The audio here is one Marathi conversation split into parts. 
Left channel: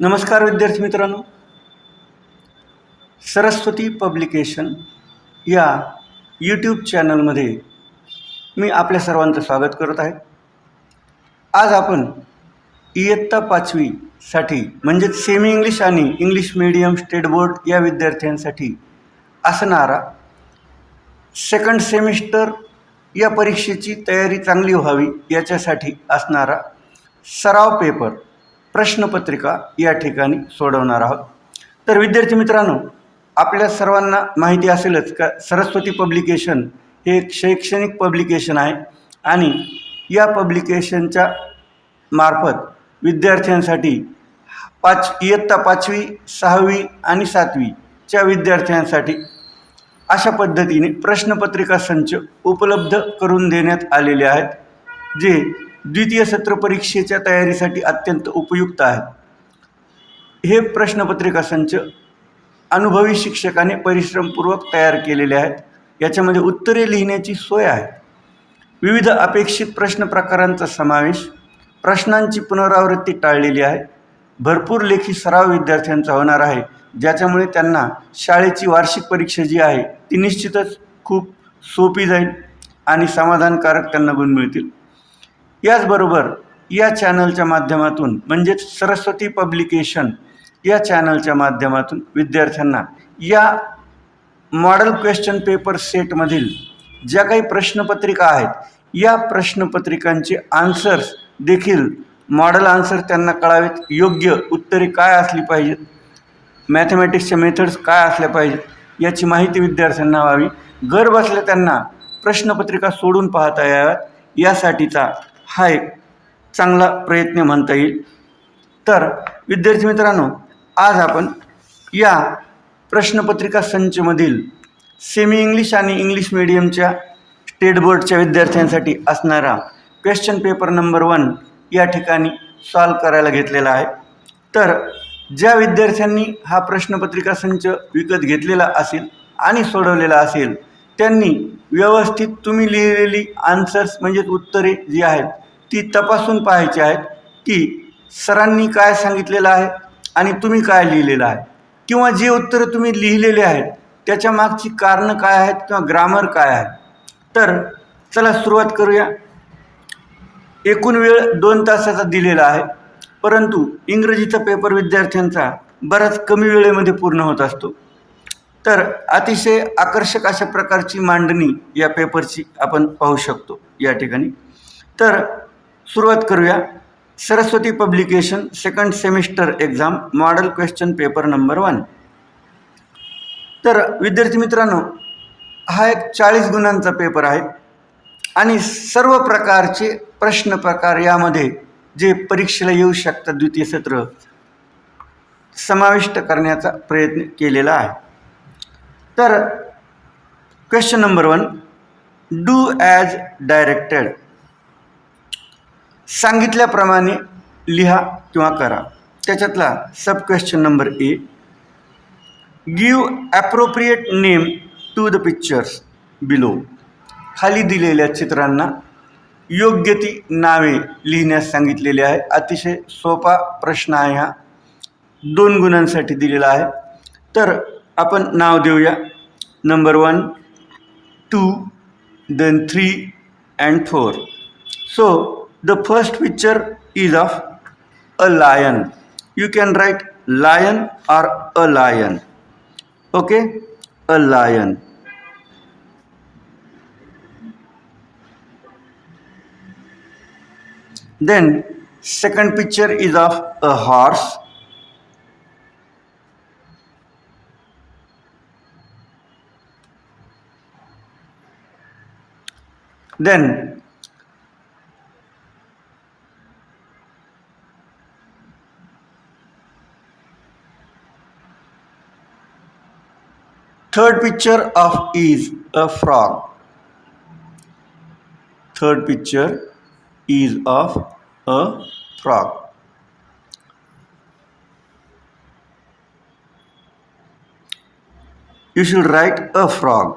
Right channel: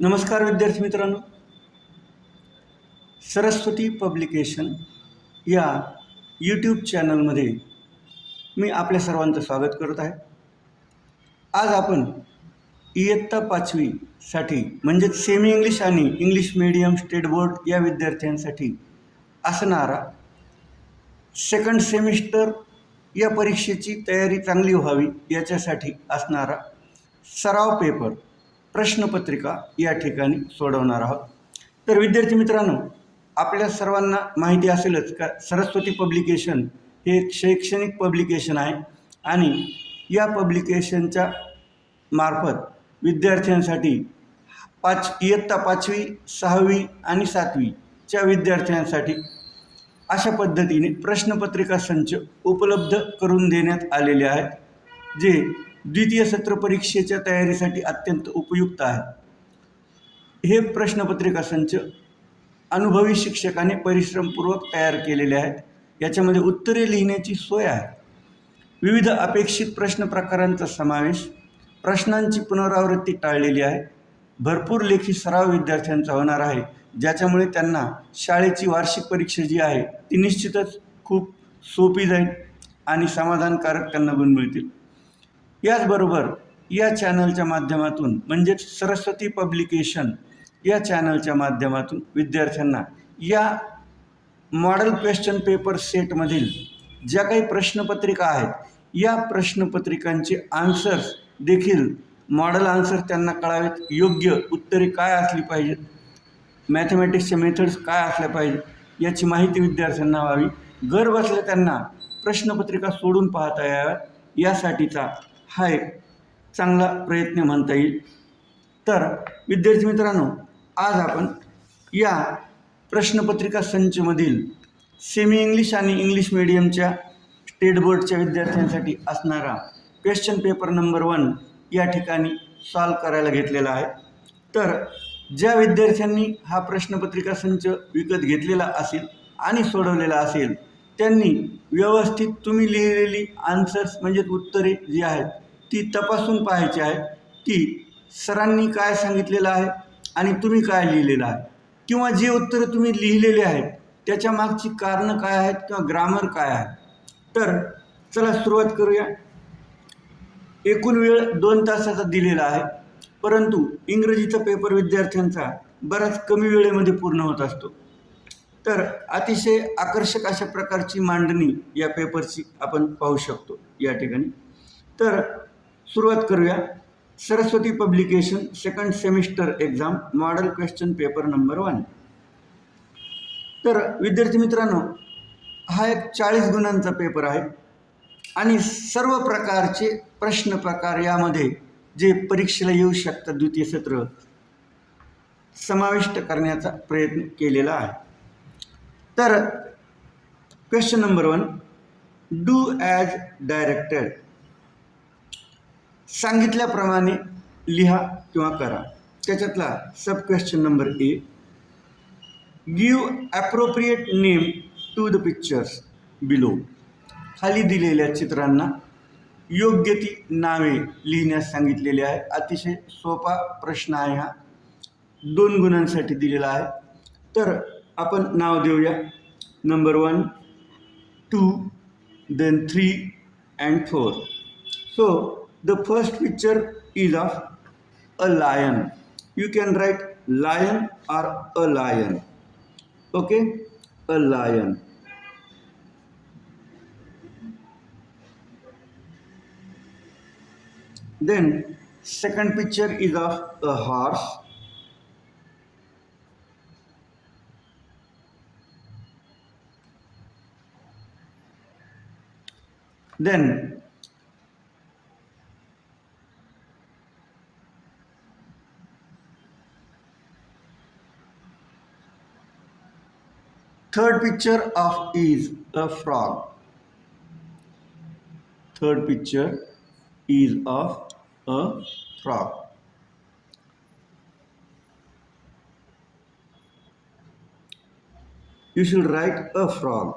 नमस्कार विद्यार्थी मित्रांनो, सरस्वती पब्लिकेशन या यूट्यूब चॅनलमध्ये मी आपल्या सर्वांचं स्वागत करत आहे. आज आपण इयत्ता 5वीसाठी म्हणजेच सेमी इंग्लिश आणि इंग्लिश मीडियम स्टेट बोर्ड या विद्यार्थ्यांसाठी असणारा सेकंड सेमिस्टर या परीक्षेची तयारी चांगली व्हावी याच्यासाठी असणारा सराव पेपर प्रश्नपत्रिका या ठिकाणी सोडवणार आहोत. तर विद्यार्थी मित्रांनो, आपल्या सर्वांना माहिती असेलच का सरस्वती पब्लिकेशन हे एक शैक्षणिक पब्लिकेशन आहे आणि या पब्लिकेशनच्या मार्फत विद्यार्थ्यांसाठी इयत्ता 5वी 6वी आणि 7वीच्या विद्यार्थ्यांसाठी अशा पद्धतीने प्रश्नपत्रिका संच उपलब्ध करून देण्यात आलेले आहेत, जे द्वितीय सत्र परीक्षेच्या तयारीसाठी अत्यंत उपयुक्त आहेत. हे प्रश्नपत्रिका संच अनुभवी शिक्षकाने परिश्रमपूर्वक तयार केलेले आहेत. याच्यामध्ये उत्तरे लिहिण्याची सोय आहे, विविध अपेक्षित प्रश्न प्रकारांचा समावेश, प्रश्नांची पुनरावृत्ती टाळलेली आहे, भरपूर लेखी सराव विद्यार्थ्यांचा होणार आहे, ज्याच्यामुळे त्यांना शाळेची वार्षिक परीक्षा जी आहे ती निश्चितच खूप सोपी जाईल आणि समाधानकारक त्यांना गुण मिळतील. याचबरोबर या चॅनलच्या माध्यमातून म्हणजेच सरस्वती पब्लिकेशन या चॅनलच्या माध्यमातून विद्यार्थ्यांना या मॉडेल क्वेश्चन पेपर सेटमधील ज्या काही प्रश्नपत्रिका आहेत या प्रश्नपत्रिकांचे आन्सर्स देखील मॉडेल आन्सर त्यांना कळावेत, योग्य उत्तरे काय असली पाहिजेत, मॅथमॅटिक्सच्या मेथड्स काय असल्या पाहिजेत याची माहिती विद्यार्थ्यांना व्हावी, घर बसल्या त्यांना प्रश्नपत्रिका सोडून पाहता याव्यात यासाठीचा हा एक चांगला प्रयत्न म्हणता येईल. तर विद्यार्थी मित्रांनो, आज आपण या प्रश्नपत्रिका संचमधील सेमी इंग्लिश आणि इंग्लिश मीडियमच्या स्टेट बोर्डच्या विद्यार्थ्यांसाठी असणारा क्वेश्चन पेपर नंबर 1 या ठिकाणी सॉल्व करायला घेतलेला आहे. तर ज्या विद्यार्थ्यांनी हा प्रश्नपत्रिका संच विकत घेतलेला असेल आणि सोडवलेला असेल त्यांनी व्यवस्थित तुम्ही लिहिलेली आन्सर्स म्हणजेच उत्तरे जी आहेत ती तपासून पाहायची आहेत की सरांनी काय सांगितलेलं आहे आणि तुम्ही काय लिहिलेलं आहे, किंवा जे उत्तरं तुम्ही लिहिलेले आहेत त्याच्या मागची कारणं काय आहेत किंवा ग्रामर काय आहे. तर चला सुरुवात करूया. एकूण वेळ 2 तासाचा दिलेला आहे, परंतु इंग्रजीचा पेपर विद्यार्थ्यांचा बराच कमी वेळेमध्ये पूर्ण होत असतो. तर अतिशय आकर्षक अशा प्रकारची मांडणी या पेपरची आपण पाहू शकतो या ठिकाणी. तर सुरुवात करूया. Saraswati publication second semester exam model question paper number 1. तर विद्यार्थी मित्रांनो, हा एक 40 गुणांचा पेपर आहे आणि सर्व प्रकारचे प्रश्न प्रकार यामध्ये जे परीक्षेला येऊ शकतात द्वितीय सत्र समाविष्ट करण्याचा प्रयत्न केलेला आहे. तर question number 1, do as directed. सांगितल्याप्रमाणे लिहा किंवा करा. त्याच्यातला sub question number A, give appropriate name to the pictures below. खाली दिलेल्या चित्रांना योग्य ती नावे लिहिण्यास सांगितलेली आहे. अतिशय सोपा प्रश्न आहे हा, 2 गुणांसाठी दिलेला आहे. तर आपण नाव देऊया. Number 1, 2, then 3 and 4. So the first picture is of a lion. You can write lion or a lion. Okay, a lion. Then second picture is of a horse. Then third picture of is a frog. Third picture is of a frog. You should write a frog.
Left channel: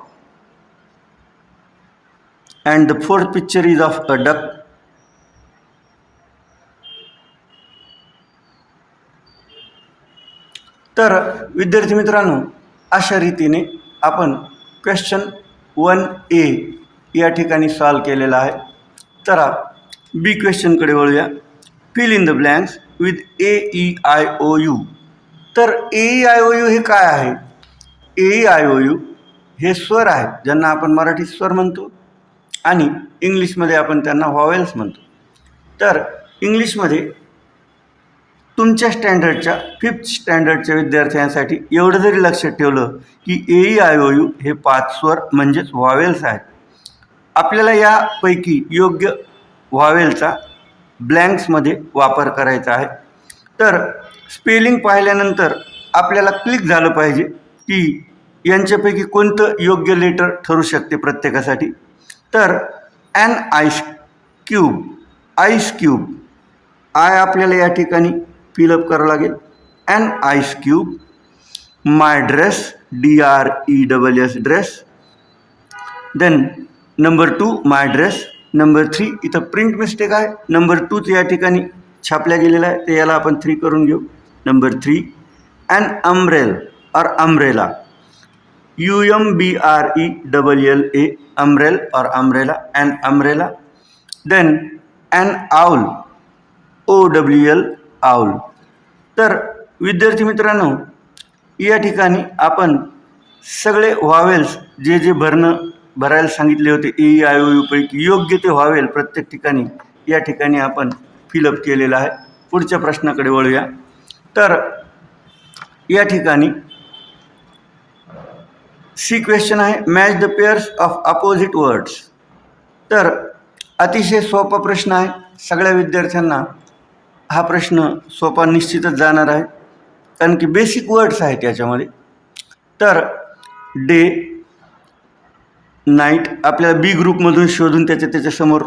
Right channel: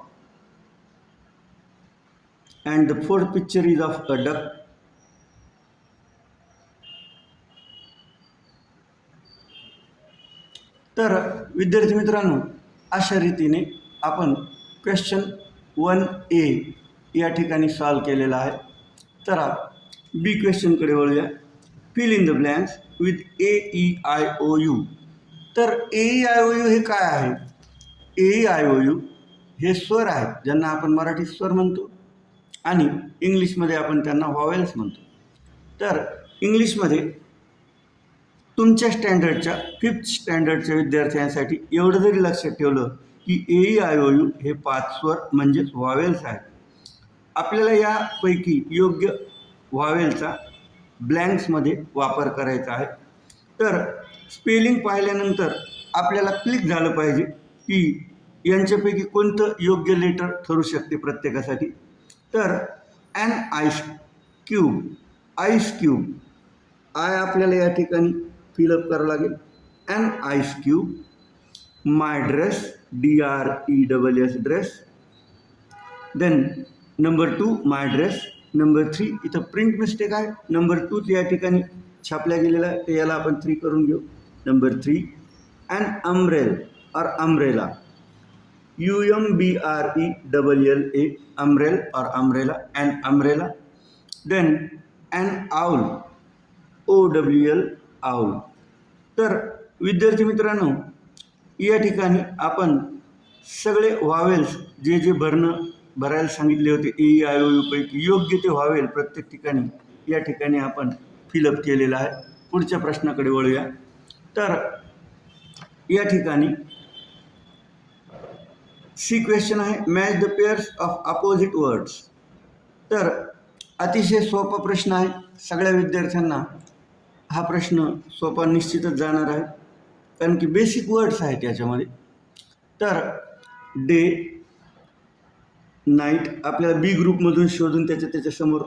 And the fourth picture is of a duck. तर विद्यार्थी मित्रांनो, अशा रीतीने आपण क्वेश्चन 1A या ठिकाणी सॉल्व केलेला आहे. चला बी क्वेश्चनकडे वळूया. Fill in the blanks with AEIOU. तर AEIOU हे काय आहे? AEIOU हे स्वर आहेत, ज्यांना आपण मराठीत स्वर म्हणतो आणि इंग्लिशमध्ये आपण त्यांना व्हॉवेल्स म्हणतो. तर इंग्लिशमध्ये तुमच्या स्टँडर्डच्या 5th स्टँडर्डच्या विद्यार्थ्यांसाठी एवढं जरी लक्षात ठेवलं की AEIOU हे 5 स्वर म्हणजेच व्हॉवेल्स आहेत. आपल्याला यापैकी योग्य व्हॉवेलचा ब्लँक्समध्ये वापर करायचा आहे. तर स्पेलिंग पाहिल्यानंतर आपल्याला क्लिक झालं पाहिजे की यांच्यापैकी कोणतं योग्य लेटर ठरू शकते प्रत्येकासाठी. तर an ice cube, ice cube, I आपल्याला या ठिकाणी फिलअप करावं लागेल. An ice cube. My dress, DRESS dress. Then number 2 my dress. Number 3 इथं प्रिंट मिस्टेक आहे. नंबर 2 या ठिकाणी छापल्या गेलेला आहे, ते याला आपण 3 करून घेऊ. नंबर 3 ॲन अम्ब्रेल और अम्ब्रेला, UMBRELLA, अम्ब्रेल और umbrella, an umbrella. Then an owl, OWL, owl. तर विद्यार्थी मित्रांनो, या ठिकाणी आपण सगळे व्हॉवेल्स जे भरायला सांगितले होते AEIOU पैकी योग्य ते व्हॉवेल प्रत्येक ठिकाणी या ठिकाणी आपण फिलअप केलेलं आहे. पुढच्या प्रश्नाकडे वळूया. तर या ठिकाणी सी क्वेश्चन आहे, match the pairs of opposite words. तर अतिशय सोपा प्रश्न आहे. सगळ्या विद्यार्थ्यांना हा प्रश्न सोपा निश्चितच जाणार आहे, कारण की बेसिक वर्ड्स आहेत याच्यामध्ये. तर डे, नाईट आपल्याला बी ग्रुपमधून शोधून त्याच्यासमोर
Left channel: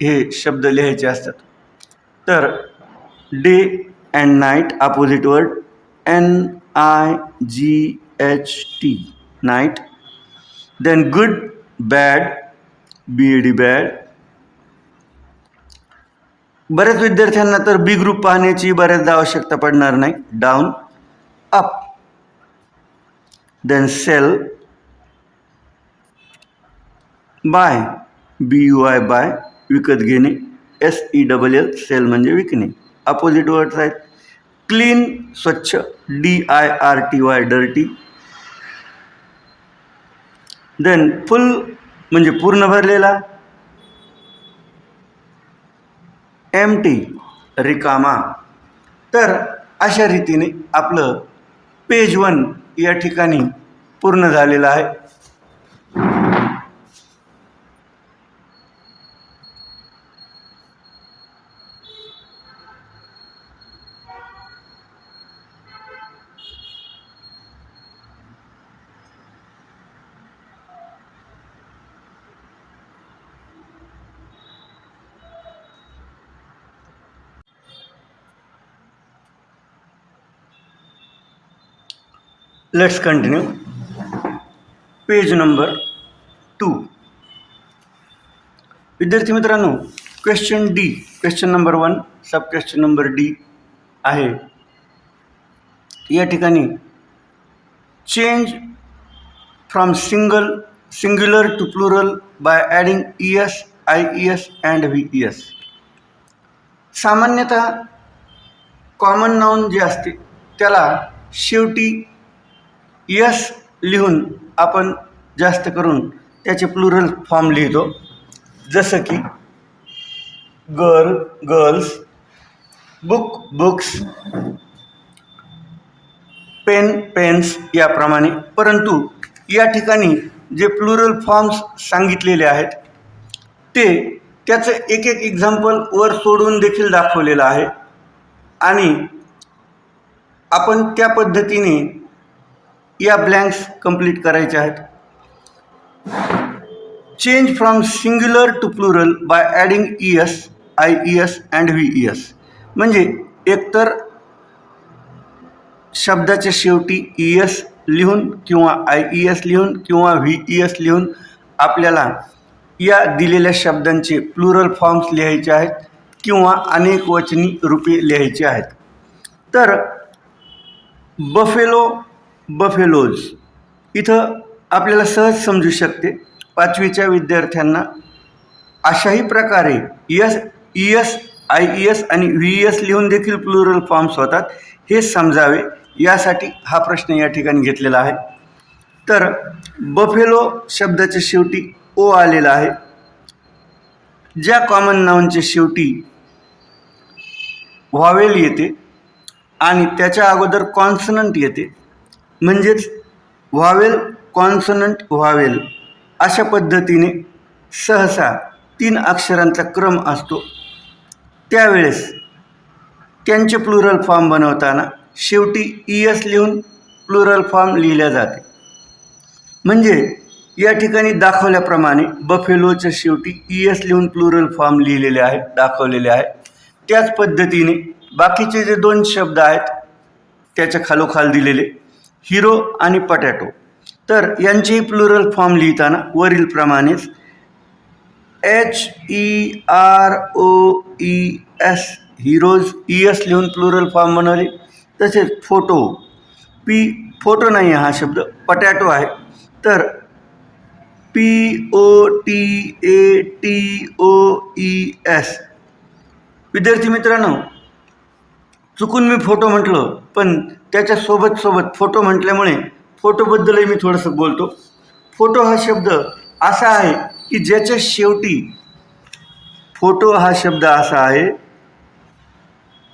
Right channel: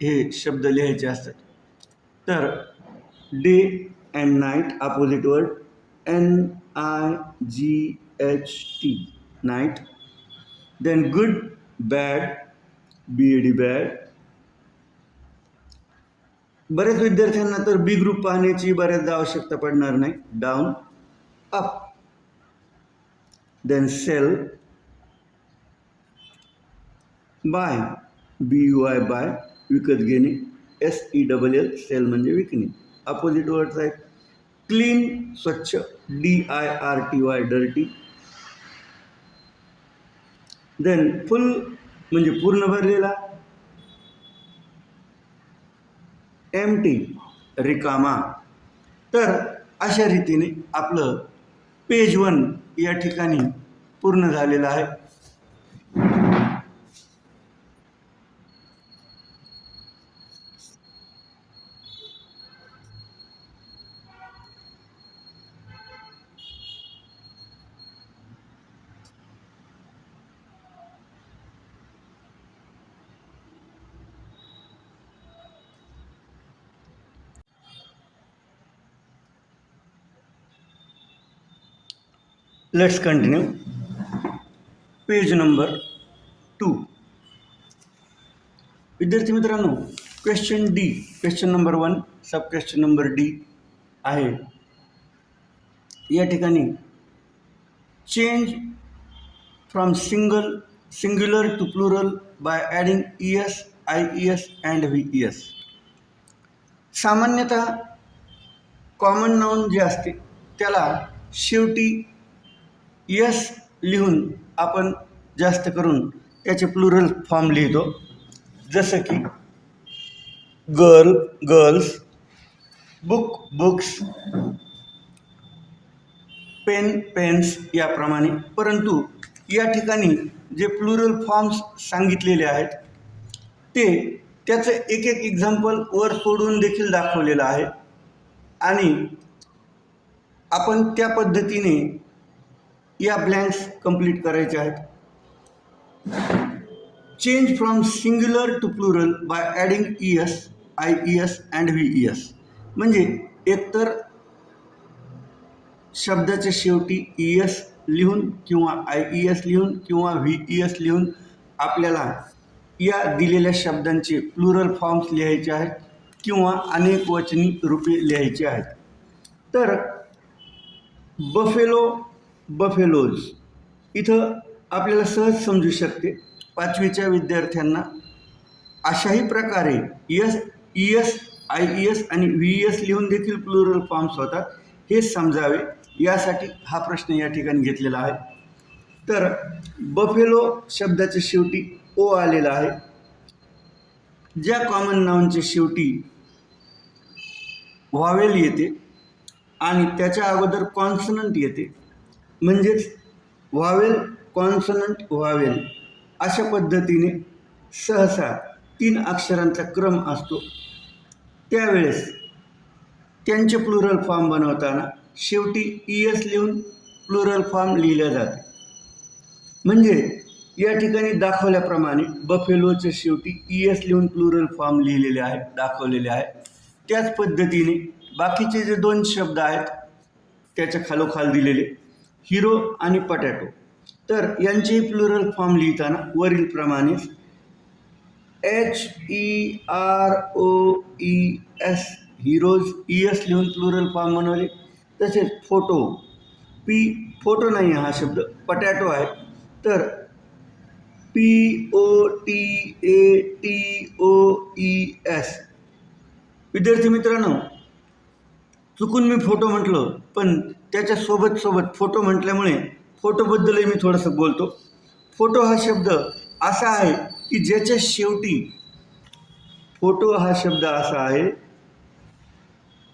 हे शब्द लिहायचे असतात. तर day and night opposite word, NIGHT, night. Then good, bad, BAD, bad. बऱ्याच विद्यार्थ्यांना तर बी ग्रुप पाहण्याची बऱ्याचदा आवश्यकता पडणार नाही. Down, up. Then sell, buy, BUY, buy, विकत घेणे. SELL, सेल म्हणजे विकणे. अपोजिट वर्ड्स आहेत. क्लीन, स्वच्छ, DIRTY, डर्टी. देन फुल म्हणजे पूर्ण भरलेला. एम्प्टी, रिकामा. तर अशा रीतीने आपलं पेज 1 या ठिकाणी पूर्ण झालेलं आहे. Let's continue. Page number 2. विद्यार्थी मित्रांनो, question D, question number 1, sub question number D आहे. या ठिकाणी change from singular to plural by adding ES, IES and VES. सामान्यतः कॉमन नाउन जे असते त्याला शेवटी यस लिहून आपण जास्त करून त्याचे प्लुरल फॉर्म लिहितो. जसं की girl, girls, book, books, pen, pens याप्रमाणे. परंतु या ठिकाणी जे प्लुरल फॉर्म्स सांगितलेले आहेत ते त्याचं एक एक्झाम्पल वर सोडून देखील दाखवलेलं आहे आणि आपण त्या पद्धतीने या ब्लँक्स कंप्लीट करायचे आहेत. Change from singular to plural by adding ES, IES and VES. म्हणजे एकतर शब्दाच्या शेवटी ES लिहून किंवा IES लिहून किंवा VES लिहून आपल्याला या दिलेल्या शब्दांचे प्लुरल फॉर्म्स लिहायचे आहेत किंवा अनेक वचनी रूपे लिहायची आहेत. तर बफेलो, बफेलोज इथं आपल्याला सहज समजू शकते. 5वीच्या विद्यार्थ्यांना अशाही प्रकारे एस, IES आणि VES लिहून देखील प्लुरल फॉर्म्स होतात हे समजावे यासाठी हा प्रश्न या ठिकाणी घेतलेला आहे. तर बफेलो शब्दाच्या शेवटी ओ आलेला आहे. ज्या कॉमन नाऊनच्या शेवटी व्हावेल येते आणि त्याच्या अगोदर कॉन्सनंट येते, म्हणजेच व्हावेल कॉन्सनंट व्हावेल अशा पद्धतीने सहसा 3 अक्षरांचा क्रम असतो. त्यावेळेस त्यांचे प्लुरल फॉर्म बनवताना शेवटी ES लिहून प्लुरल फॉर्म लिहिल्या जाते. म्हणजे या ठिकाणी दाखवल्याप्रमाणे बफेलोच्या शेवटी ES लिहून प्लुरल फॉर्म लिहिलेले आहेत, दाखवलेले आहे. त्याच पद्धतीने बाकीचे जे 2 शब्द आहेत त्याच्या खालोखाल दिलेले हिरो आणि पटॅटो, तर यांचेही प्लुरल फॉर्म लिहिताना वरीलप्रमाणेच HEROES हिरोज ES लिहून प्लुरल फॉर्म बनवले. तसेच फोटो फोटो नाही आहे हा शब्द, पटॅटो आहे, तर POTATOES. विद्यार्थी मित्रांनो, चुकून मी फोटो म्हटलं, पण त्याच्या सोबत फोटो म्हटल्यामुळे फोटोबद्दलही मी थोडंसं बोलतो. फोटो हा शब्द असा आहे की ज्याच्या शेवटी फोटो हा शब्द असा आहे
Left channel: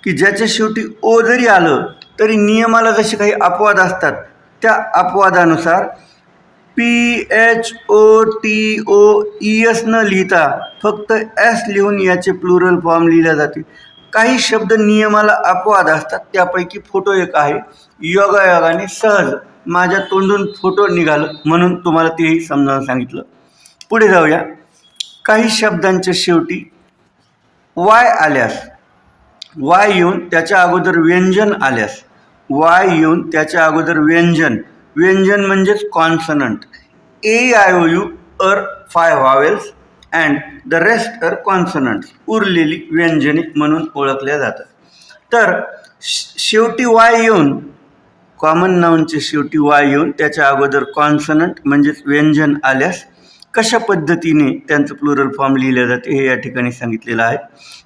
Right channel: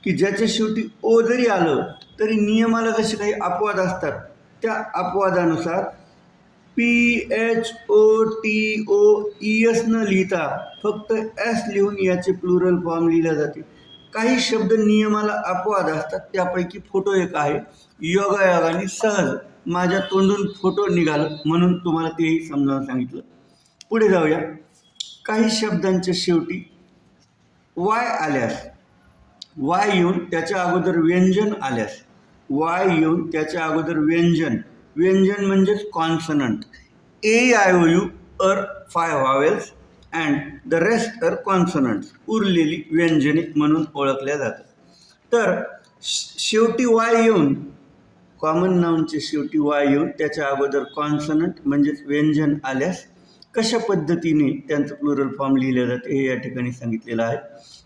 की ज्याच्या शेवटी ओ जरी आलं तरी नियमाला जसे काही अपवाद असतात त्या अपवादानुसार PHOTOES न लिहिता फक्त S लिहून याचे प्लुरल फॉर्म लिहिल्या जाते. काही शब्द नियमाला अपवाद असतात, त्यापैकी फोटो एक आहे. योगायोगाने सहज माझ्या तोंडून फोटो निघालं म्हणून तुम्हाला तेही समजावून सांगितलं. पुढे जाऊया. काही शब्दांच्या शेवटी Y आल्यास, Y येऊन त्याच्या अगोदर व्यंजन आल्यास, Y येऊन त्याच्या अगोदर व्यंजन म्हणजेच consonant. AIOU are 5 vowels and the rest are consonants, उरलेली व्यंजने म्हणून ओळखल्या जातात. तर शेवटी Y येऊन, कॉमन नाऊनच्या शेवटी Y येऊन त्याच्या अगोदर कॉन्सनंट म्हणजेच व्यंजन आल्यास कशा पद्धतीने त्यांचं प्लुरल फॉर्म लिहिलं जाते हे या ठिकाणी सांगितलेलं आहे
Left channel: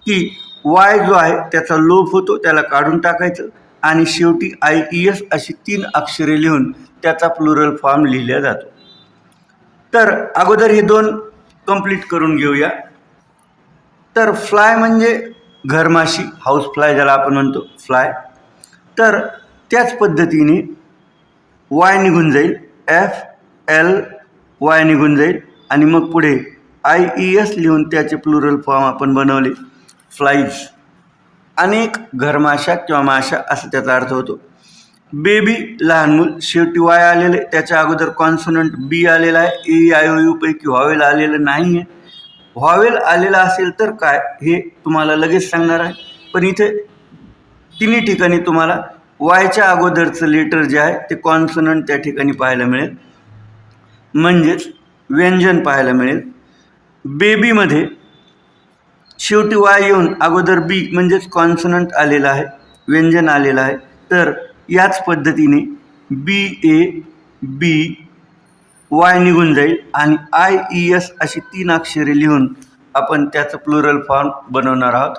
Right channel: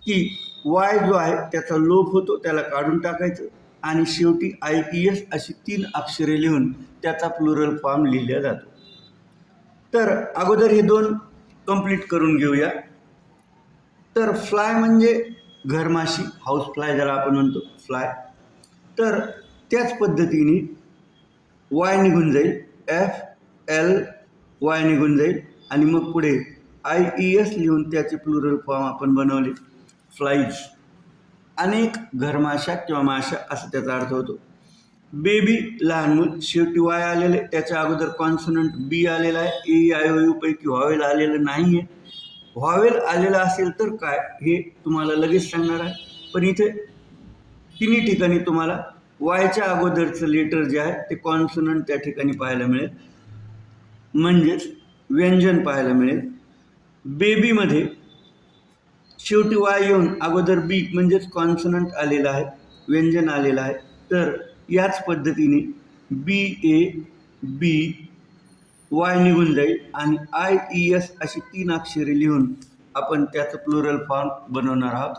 की Y जो आहे त्याचा लोप होतो, त्याला काढून टाकायचं आणि शेवटी IES अशी 3 अक्षरे लिहून त्याचा प्लुरल फॉर्म लिहिला जातो. तर अगोदर हे 2 कंप्लीट करून घेऊया. तर फ्लाय म्हणजे घरमाशी, हाऊस फ्लाय ज्याला आपण म्हणतो फ्लाय. तर त्याच पद्धतीने Y निघून जाईल, FLY निघून जाईल आणि मग पुढे IES लिहून त्याचे प्लुरल फॉर्म आपण बनवले फ्लाईज. अनेक घरमाशा किंवा माशा असं त्याचा अर्थ होतो. बेबी लहान मूल, शेवटी Y आलेलं आहे, त्याच्या अगोदर कॉन्सोनंट B आलेला आहे. AIOU पैकी व्हावेल आलेलं नाही आहे. व्हावेल आलेला असेल तर काय हे तुम्हाला लगेच सांगणार आहे, पण इथे तिन्ही ठिकाणी तुम्हाला वायच्या अगोदरचं लेटर जे आहे ते कॉन्सोनंट त्या ठिकाणी पाहायला मिळेल, म्हणजेच व्यंजन पाहायला मिळेल. बेबीमध्ये शेवटी Y येऊन अगोदर B म्हणजेच कॉन्सोनंट आलेला आहे, व्यंजन आलेलं आहे. तर याच पद्धतीने BAB Y निघून जाईल आणि IES अशी 3 अक्षरे लिहून आपण त्याचं प्लुरल फॉर्म बनवणार आहोत.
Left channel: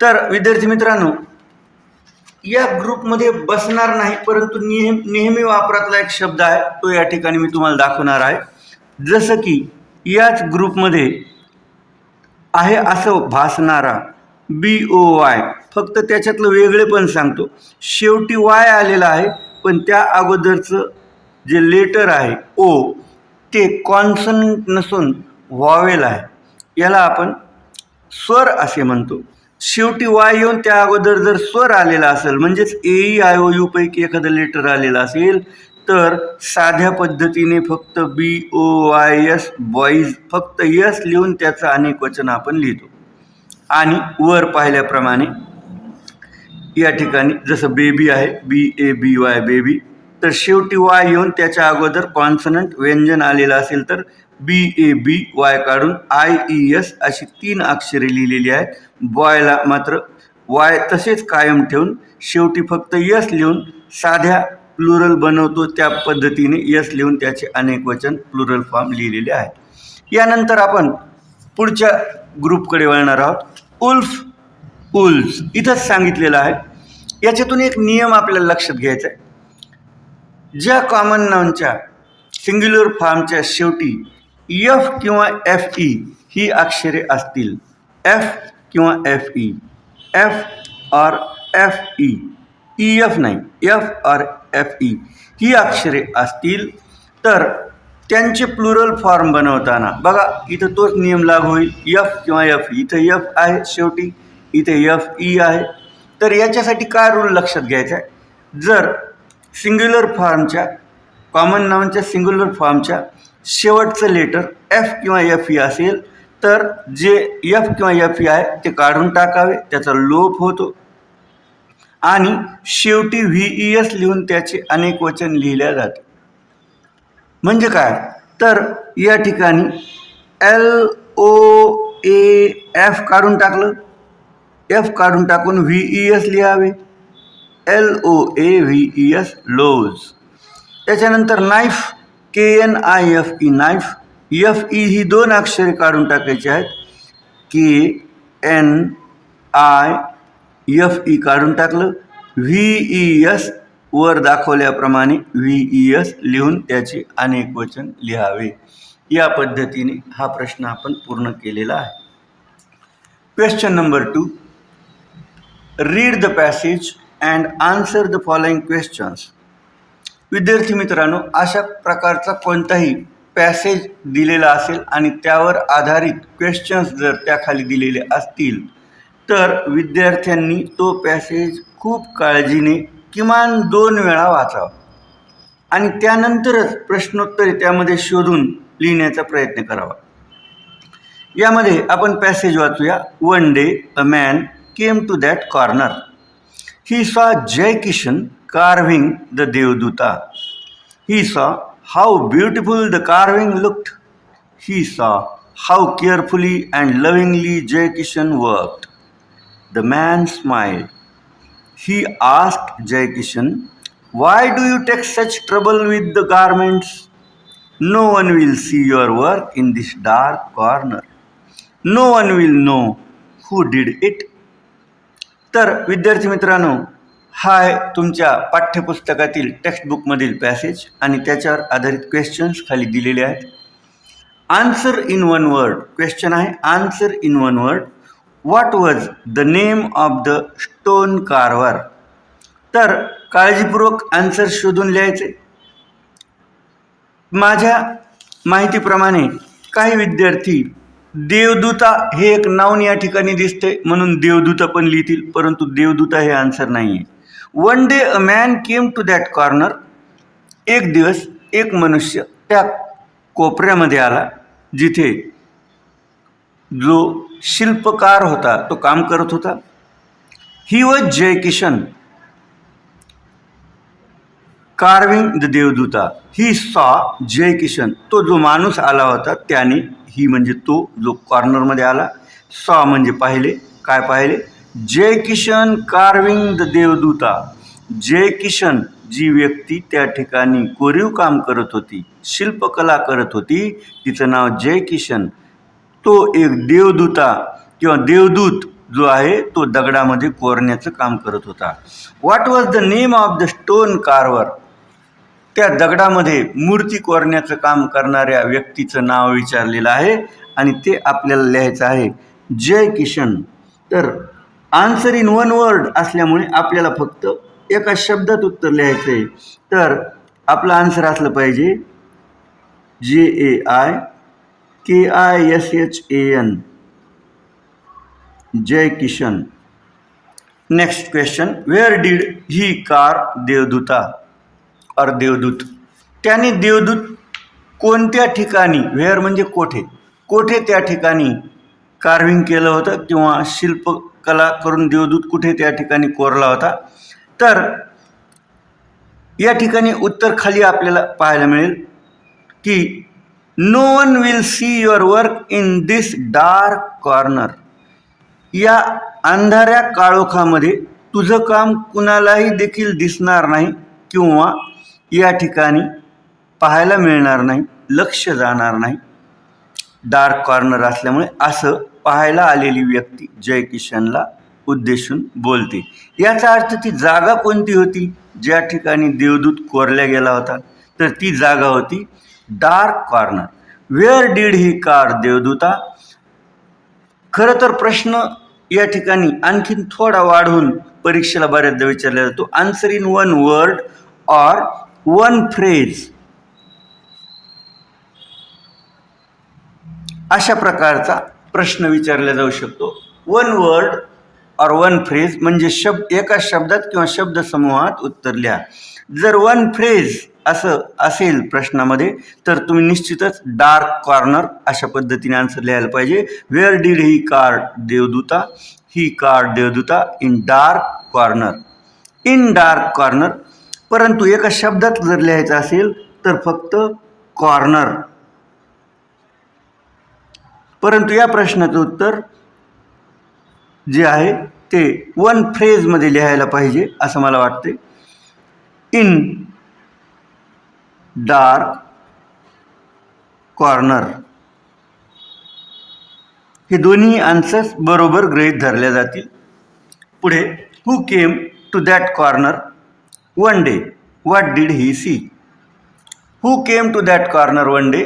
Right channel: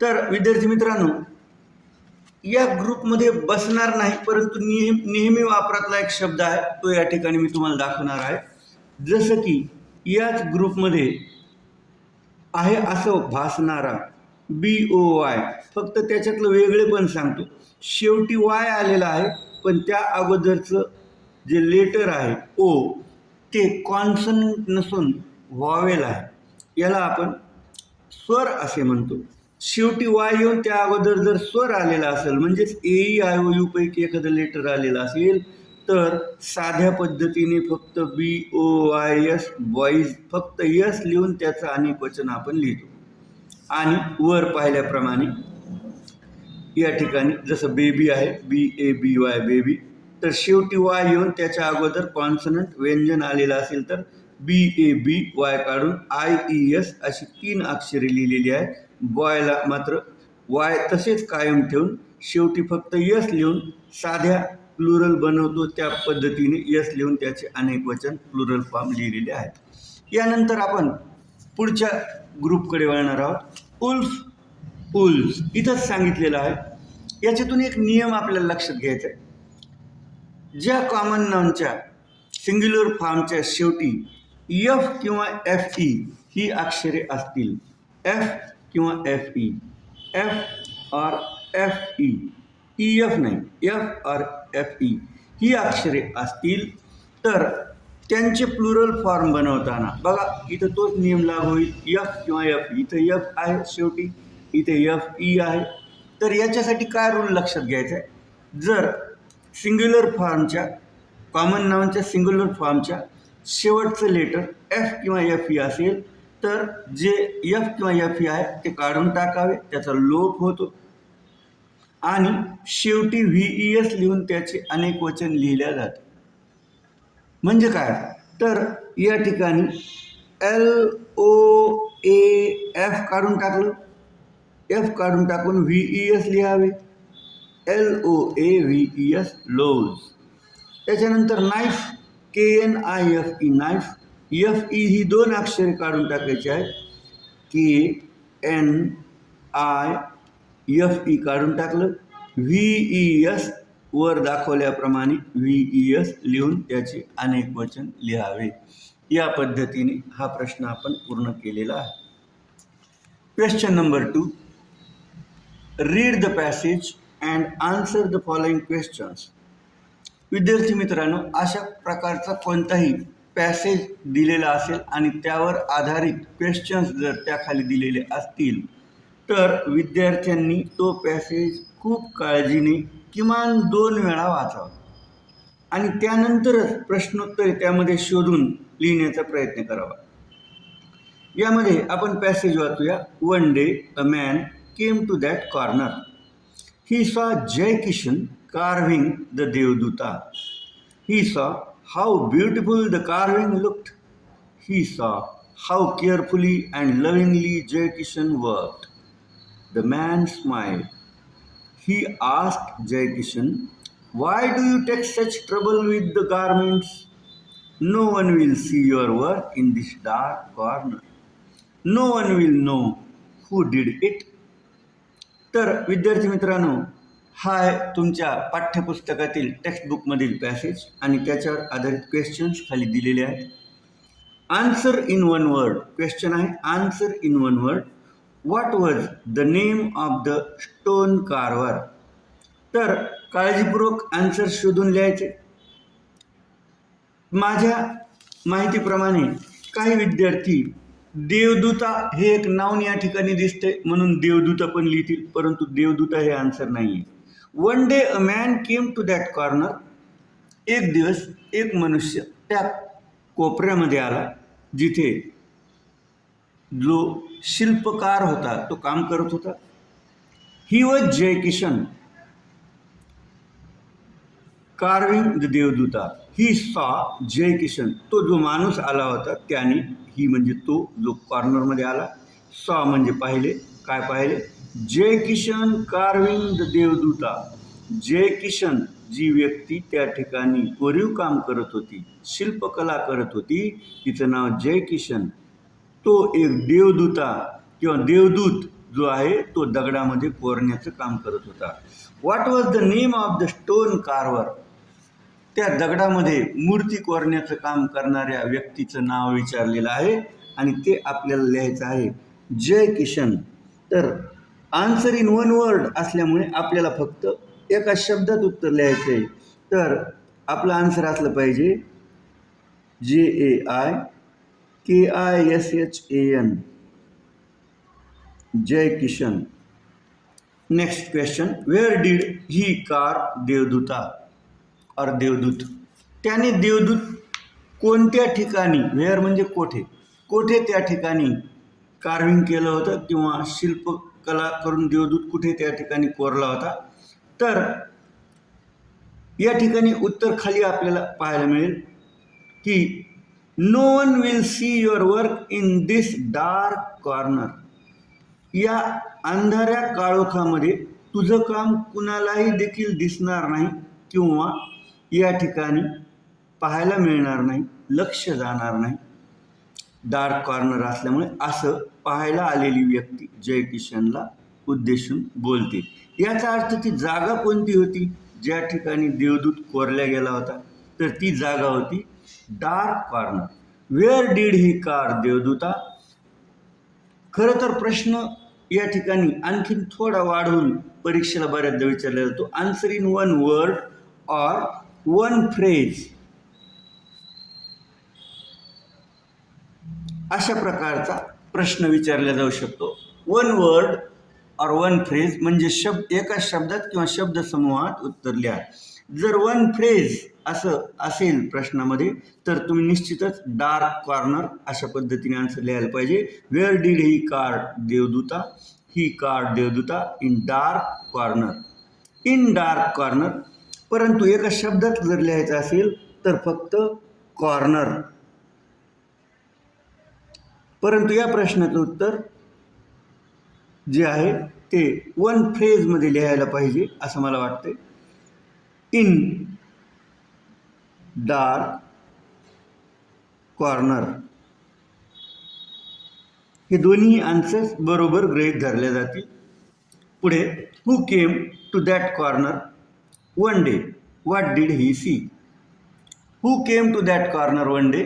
तर विद्यार्थी मित्रांनो, या ग्रुपमध्ये बसणार नाही परंतु नेहमी वापरातला एक शब्द आहे तो या ठिकाणी मी तुम्हाला दाखवणार आहे. जसं की याच ग्रुपमध्ये आहे असं भासणारा BOY, फक्त त्याच्यातलं वेगळे पण सांगतो. शेवटी Y आलेला आहे पण त्या अगोदरचं जे लेटर आहे O ते कॉन्सनंट नसून व्हावेल आहे, याला आपण स्वर असे म्हणतो. शेवटी Y येऊन त्या अगोदर जर स्वर आलेला असेल म्हणजेच AEIOU पैकी एखादं लेटर आलेलं असेल तर साध्या पद्धतीने फक्त BOYS बॉईज फक्त यस लिहून त्याचं अनेक वचन आपण लिहितो. आणि वर पाहिल्याप्रमाणे या ठिकाणी जसं बेबी आहे BABY बेबी, तर शेवटी Y येऊन त्याच्या अगोदर कॉन्सनंट व्यंजन आलेलं असेल तर BABY काढून IES अशी 3 अक्षरे लिहिलेली आहेत. बॉयला मात्र वाय तसेच कायम ठेवून शेवटी फक्त यस लिहून साध्या प्लुरल बनवतो, त्या पद्धतीने यस लिहून त्याचे अनेक वचन प्लुरल फॉर्म लिहिलेले आहेत. यानंतर आपण पुढच्या ग्रुपकडे वळणार आहोत. उल्फ, उल्स इथंच सांगितलेलं आहे. याच्यातून एक नियम आपल्याला लक्षात घ्यायचा आहे. ज्या कॉमन नाउनच्या सिंग्युलर फॉर्मच्या शेवटी एफ किंवा एफ ई ही अक्षरे असतील, एफ किंवा एफ ई, एफ और एफ ई, ई एफ नाही, एफ और एफ ई ही अक्षरे असतील तर त्यांचे प्लुरल फॉर्म बनवताना बघा इथं तोच नियम लागू होईल. एफ किंवा एफ ई, इथं एफ आहे शेवटी, इथे एफ ई आहे. तर याच्यासाठी काय रूल लक्षात घ्यायचा आहे. जर सिंग्युलर फॉर्मच्या कॉमन नाउनच्या सिंग्युलर फॉर्मच्या शेवटचं लेटर एफ किंवा एफ ई असेल तर जे एफ किंवा एफ ई आहे ते काढून टाकावे, त्याचा लोप होतो. आणि शेवटी व्ही ई एस लिहून त्याचे अनेक वचन लिहिल्या जाते. म्हणजे काय तर या ठिकाणी एल ओ ए एफ काढून टाकलं, एफ काढून टाकून व्ही ई एस लिहावे, L O A V E S loaves. त्याच्यानंतर knife, K N I F E knife, F E ही दोन अक्षरे काढून टाकायची आहेत. K N I F E काढून टाकलं, व्ही ई एस वर दाखवल्याप्रमाणे व्ही ई एस लिहून त्याचे अनेक वचन लिहावे. या पद्धतीने हा प्रश्न आपण पूर्ण केलेला आहे. Question number 2, read the passage and answer the following questions. विद्यार्थी मित्रांनो, अशा प्रकारचा कोणताही पॅसेज दिलेला असेल आणि त्यावर आधारित क्वेश्चन्स जर त्याखाली दिलेले असतील तर विद्यार्थ्यांनी तो पॅसेज खूप काळजीने किमान 2 वेळा वाचावा आणि त्यानंतरच प्रश्नोत्तरे त्यामध्ये शोधून लिहिण्याचा प्रयत्न करावा. यामध्ये आपण पॅसेज वाचूया. One day a man came to that corner. He saw Jai Kishan carving the Devduta. He saw how beautiful the carving looked. He saw how carefully and lovingly Jai Kishan worked. The man smiled. He asked Jai Kishan, "Why do you take such trouble with the garments? No one will see your work in this dark corner. No one will know who did it." तर विद्यार्थी मित्रांनो, हा आहे तुमच्या पाठ्यपुस्तकातील टेक्स्टबुकमधील पॅसेज आणि त्याच्यावर आधारित क्वेश्चन्स खाली दिलेले आहेत. Answer in one word question आहे. Answer in one word, what was the name of the stone carver. तर काळजीपूर्वक आन्सर शोधून लिहायचे. माझ्या माहितीप्रमाणे काही विद्यार्थी देवदूता हे एक नाउन या ठिकाणी दिसते म्हणून देवदूता पण लिहितील, परंतु देवदूता हे आन्सर नाही आहे. One day a man came to that corner. एक दिवस एक मनुष्य त्या कोपऱ्यामध्ये आला जिथे जो शिल्पकार होता तो काम करत होता. He was Jai Kishan carving the devduta. He saw Jai Kishan. तो जो माणूस आला होता त्याने, ही म्हणजे तो जो कॉर्नरमध्ये आला, सॉ म्हणजे पाहिले. काय पाहिले? जय किशन कार्विंग द देवदूता. जय किशन जी व्यक्ती त्या ठिकाणी कोरीव काम करत होती, शिल्पकला करत होती, तिचं नाव जय किशन. तो एक देवदूता किंवा देवदूत जो आहे तो दगडामध्ये कोरण्याचं काम करत होता. What was the name of the stone Carver. त्या दगडामध्ये मूर्ती कोरण्याचं काम करणाऱ्या व्यक्तीचं नाव विचारलेलं आहे आणि ते आपल्याला लिहायचं आहे जय किशन. तर आन्सर इन वन वर्ड असल्यामुळे आपल्याला फक्त एका शब्दात उत्तर लिहायचं आहे. तर आपलं आन्सर असलं पाहिजे JAIKISHAN, Jai Kishan. Next question, where did he carve devduta or devdut. त्याने देवदूत कोणत्या ठिकाणी, वेअर म्हणजे कोठे, कोठे त्या ठिकाणी कार्विंग केलं होतं किंवा शिल्पकला करून देवदूत कुठे त्या ठिकाणी कोरला होता. तर या ठिकाणी उत्तर खाली आपल्याला पाहायला मिळेल की no one will see your work in this dark corner. या अंधाऱ्या काळोखामध्ये तुझं काम कुणालाही देखील दिसणार नाही किंवा या ठिकाणी पाहायला मिळणार नाही, लक्ष जाणार नाही. डार्क कॉर्नर असल्यामुळे असं पाहायला आलेली व्यक्ती जय किशनला उद्देशून बोलते. याचा अर्थ ती जागा कोणती होती ज्या ठिकाणी देवदूत कोरल्या गेला होता? तर ती जागा होती dark corner. Where did he carve devduta? खरं तर प्रश्न या ठिकाणी आणखीन थोडा वाढवून परीक्षेला बऱ्याचदा विचारला जातो. Answer in one word or one phrase. अशा प्रकारचा प्रश्न विचारला जाऊ शकतो. वन वर्ड और वन फ्रेज म्हणजे एका शब्दात किंवा शब्दसमूहात उत्तर लिहा. जर वन फ्रेज असं असेल प्रश्नामध्ये तर तुम्ही निश्चितच डार्क कॉर्नर अशा पद्धतीने आन्सर लिहायला पाहिजे. Where did he carve devduta? He carve devduta in dark corner. In dark corner. परंतु एका शब्दात जर लिहायचं असेल तर फक्त कॉर्नर. परंतु या प्रश्नाचं उत्तर जे आहे ते वन फ्रेजमध्ये लिहायला पाहिजे असं मला वाटते. In dark corner. हे दोन्ही आन्सर्स बरोबर गृहीत धरल्या जातील. पुढे who came to that corner one day what did he see? Who came to that corner one day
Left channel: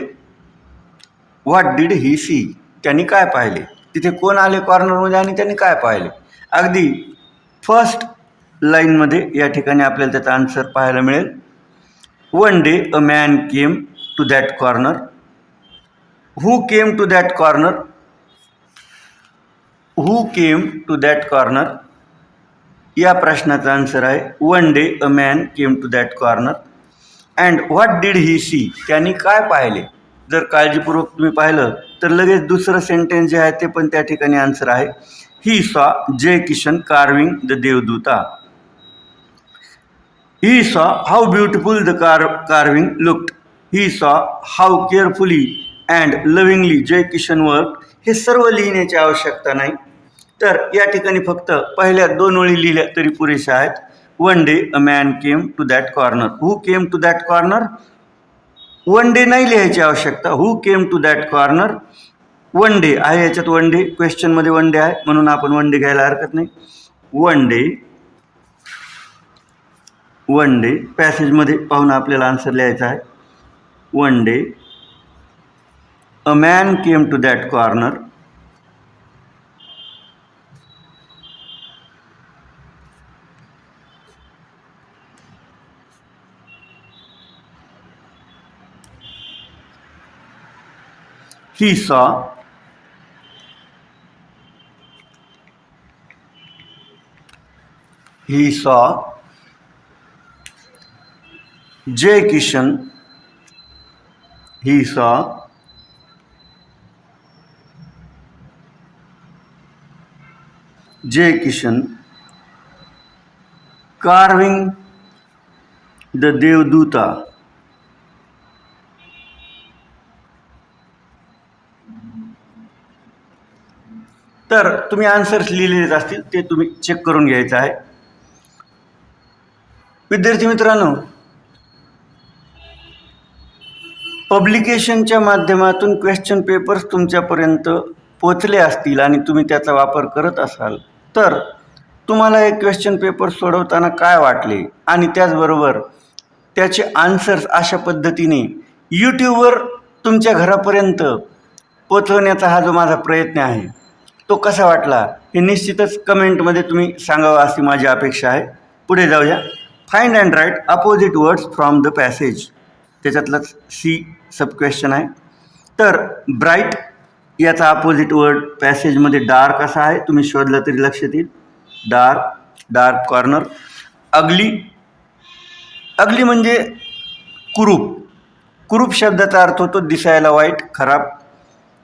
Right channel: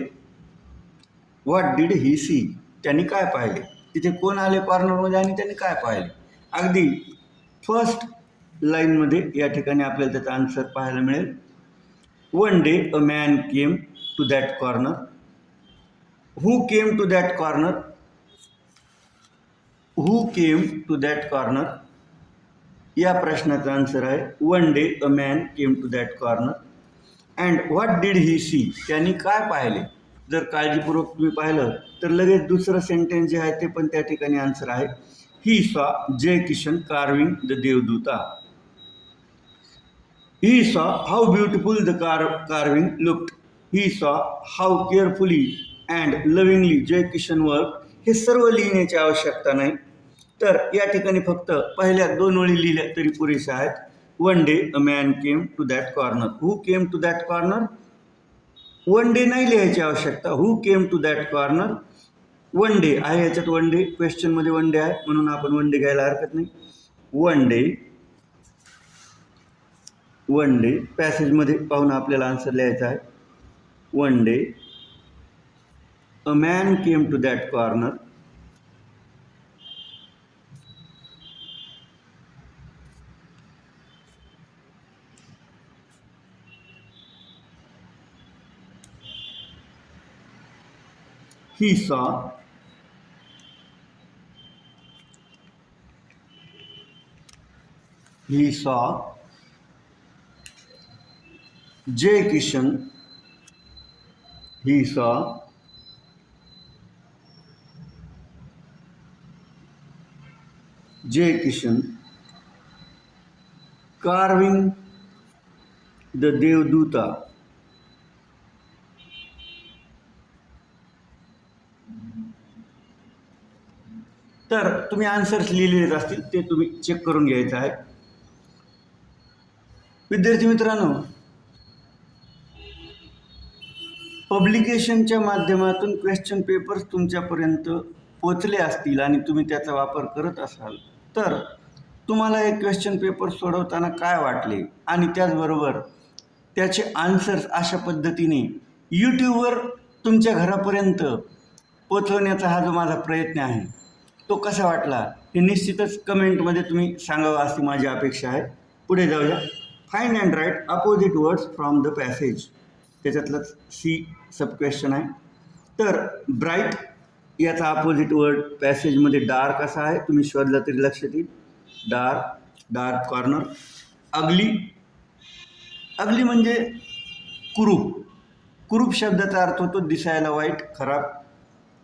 what did he see? त्यांनी काय पाहिले? तिथे कोण आले कॉर्नरमध्ये आणि त्यांनी काय पाहिले? अगदी फर्स्ट लाईनमध्ये या ठिकाणी आपल्याला त्याचा आन्सर पाहायला मिळेल. One day a man came to that corner. Who came to that corner? Who came to that corner या प्रश्नाचा आन्सर आहे one day a man came to that corner. And what did he see? त्यांनी काय पाहिले? जर काळजीपूर्वक तुम्ही पाहिलं तर लगेच दुसरं सेंटेन्स जे आहे ते पण त्या ठिकाणी आन्सर आहे. He saw Jai Kishan carving the devduta. He saw how beautiful the carving looked. He saw how carefully and lovingly Jai Kishan work. हे सर्व लिहिण्याची आवश्यकता नाही. तर या ठिकाणी फक्त पहिल्या 2 ओळी लिहिल्या तरी पुरेशा आहेत. One day a man came to that corner. Who came to that corner? One day नाही लिहायची आवश्यकता. Who came to that corner? One day आहे, याच्यात वन डे क्वेश्चनमध्ये वन डे आहे म्हणून आपण वन डे घ्यायला हरकत नाही. One day. वन डे पॅसेजमध्ये पाहून आपल्याला आन्सर लिहायचा आहे. One day a man came to that corner. He saw Jay Kishan. He saw Jay Kishan carving the Devduta. तर तुम्ही आन्सर्स लिहिलेलेच असतील ते तुम्ही चेक करून घ्यायचं आहे. विद्यार्थी मित्रांनो, पब्लिकेशनच्या माध्यमातून क्वेश्चन पेपर्स तुमच्यापर्यंत पोचले असतील आणि तुम्ही त्याचा वापर करत असाल तर तुम्हाला हे क्वेश्चन पेपर सोडवताना काय वाटले आणि त्याचबरोबर त्याचे आन्सर्स अशा पद्धतीने यूट्यूबवर तुमच्या घरापर्यंत पोचवण्याचा हा जो माझा प्रयत्न आहे तो कसा वाटला हे निश्चितच कमेंटमध्ये तुम्ही सांगावं अशी माझी अपेक्षा आहे. पुढे जाऊया. Find and write opposite words from the passage. त्याच्यातलंच सी सब क्वेश्चन आहे. तर ब्राईट याचा अपोजिट वर्ड पॅसेजमध्ये डार्क असा आहे, तुम्ही शोधलं तरी लक्षात येईल. Dark corner. अगली. अगली म्हणजे कुरूप. कुरूप शब्दाचा अर्थ होतो दिसायला वाईट, खराब.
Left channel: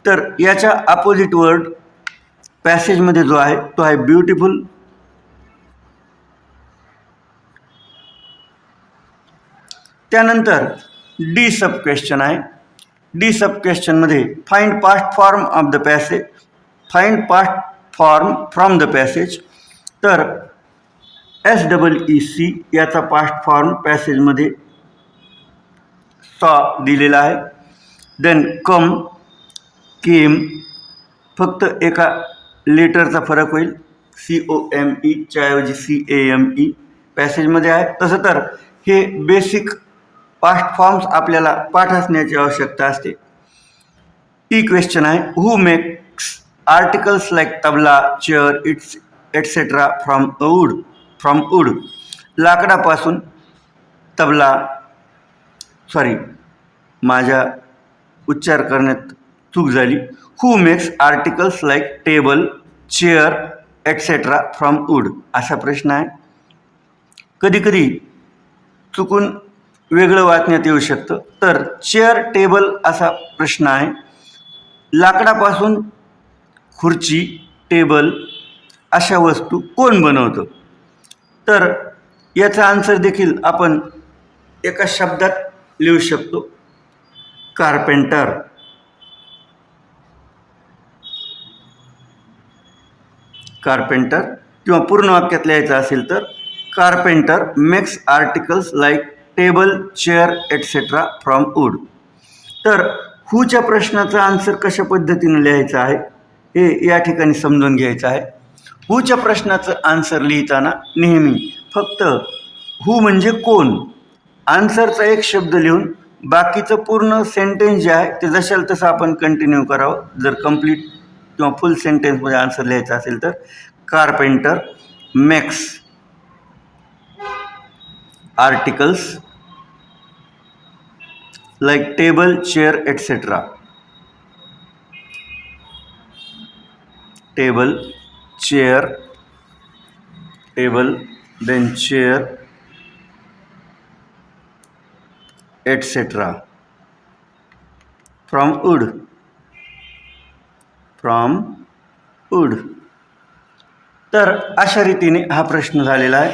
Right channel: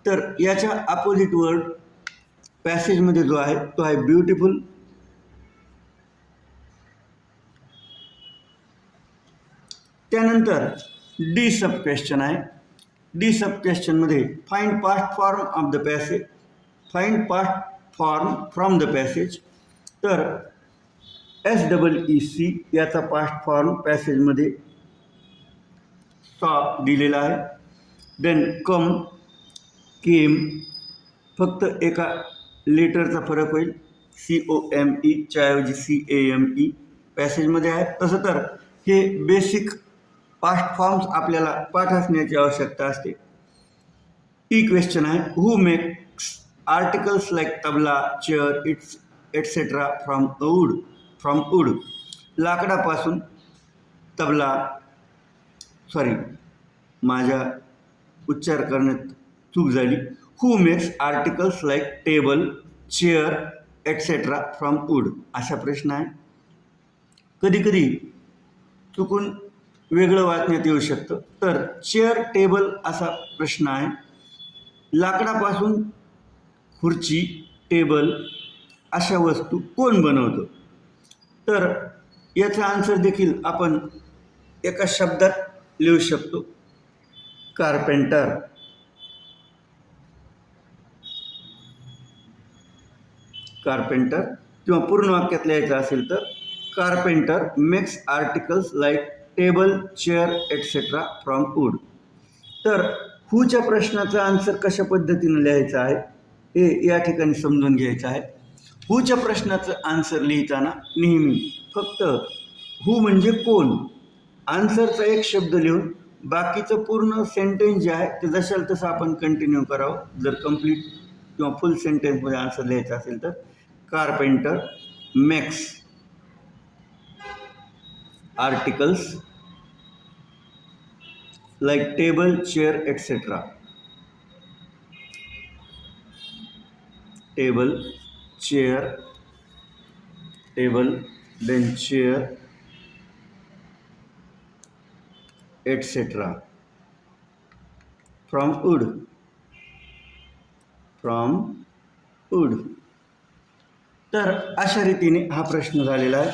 तर याच्या अपोजिट वर्ड पॅसेजमध्ये जो आहे तो आहे ब्युटिफुल. त्यानंतर डी सब क्वेश्चन आहे. डी सब क्वेश्चनमध्ये find past form of the passage. Find past form from the passage. तर SEEC याचा पास्ट फॉर्म पॅसेजमध्ये सॉ दिलेला आहे. देन कम, केम, फक्त एका लेटरचा फरक होईल, COME च्या ऐवजी CAME पॅसेजमध्ये आहे. तसं तर हे बेसिक पास्ट फॉर्म्स आपल्याला पाठ असण्याची आवश्यकता असते. टी क्वेश्चन आहे, who makes articles like tabla, chair, it's etcetera from wood. लाकडापासून तबला, माझ्या उच्चार करण्यात चूक झाली. Who makes articles like table, chair, etcetera from wood असा प्रश्न आहे. कधीकधी चुकून वेगळं वाचण्यात येऊ शकतं. तर चेअर, टेबल असा प्रश्न आहे. लाकडापासून खुर्ची, टेबल अशा वस्तू कोण बनवतं? तर याचा आन्सर देखील आपण एका शब्दात लिहू शकतो, कार्पेंटर. कार्पेंटर किंवा पूर्ण वाक्यात लिहायचं असेल तर carpenter makes articles like table, chair, etcetera from wood. तर हूच्या प्रश्नाचा आन्सर कशा पद्धतीने लिहायचं आहे हे या ठिकाणी समजून घ्यायचं आहे. हूच्या प्रश्नाचं आन्सर लिहिताना नेहमी फक्त हू म्हणजे कोण, आन्सरचा एक शब्द लिहून बाकीचं पूर्ण सेंटेन्स जे आहे ते जशाल तसं आपण कंटिन्यू करावं. जर कंप्लीट किंवा फुल सेंटेन्समध्ये आन्सर लिहायचं असेल तर carpenter makes articles like table, chair, etcetera. Table, chair, table, then chair, etcetera from wood. तर अशा रीतीने हा प्रश्न झालेला आहे.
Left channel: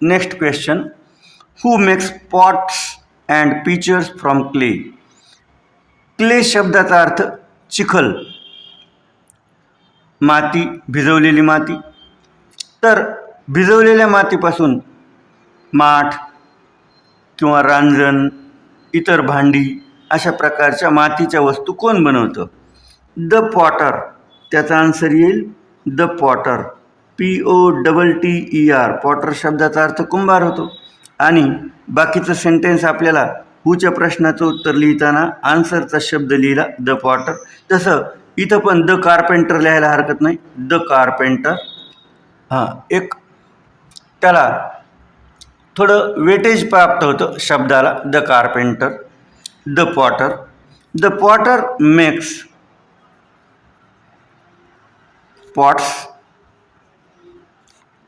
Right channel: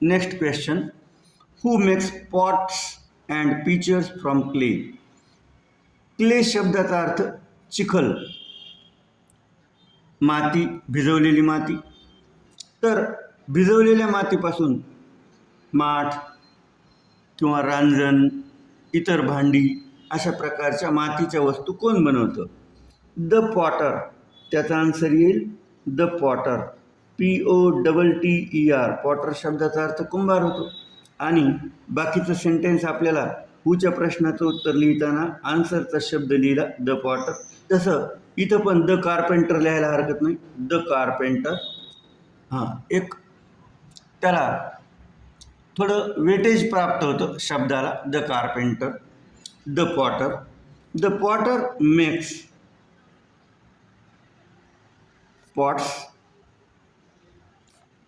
Next question, who makes pots and pitchers from clay. Clay शब्दाचा अर्थ चिखल, माती, भिजवलेली माती. तर भिजवलेल्या मातीपासून माठ किंवा रांजण, इतर भांडी अशा प्रकारच्या मातीच्या वस्तू कोण बनवतं? The Potter. त्याचा आन्सर येईल द पॉटर, POTTER. पॉटर शब्दाचा अर्थ कुंभार होतो. आणि बाकीचं सेंटेन्स आपल्याला हूच्या प्रश्नाचं उत्तर लिहिताना आन्सरचा शब्द लिहिला द पॉटर. तसं इथं पण द कार्पेंटर लिहायला हरकत नाही, द कार्पेंटर. एक त्याला थोडं वेटेज प्राप्त होतं शब्दाला, the carpenter. The Potter, the Potter makes pots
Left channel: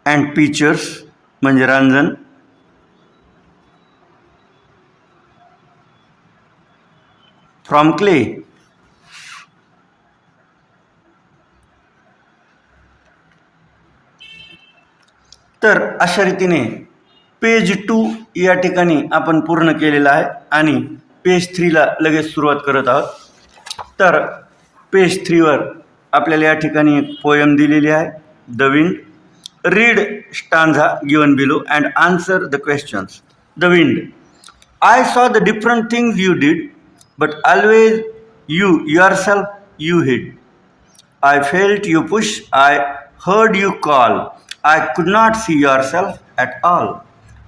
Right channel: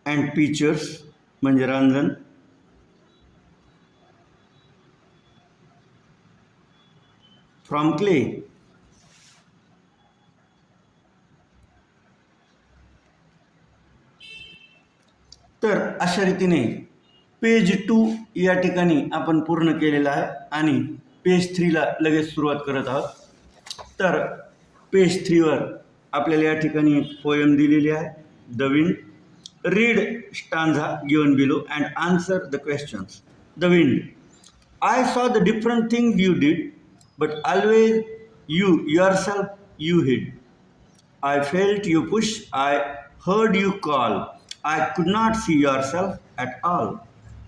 and pictures म्हणजे रांजण, फ्रॉम क्ले. तर अशा रीतीने पेज 2 या ठिकाणी आपण पूर्ण केलेलं आहे आणि पेज 3ला लगेच सुरुवात करत आहोत. तर पेज 3वर आपल्याला या ठिकाणी एक पोयम दिलेली आहे, the wind. Read stanza given below and answer the questions. The wind, I saw the different things you did but always you yourself you हिड. I felt you push, I heard you call, I could not see yourself at all.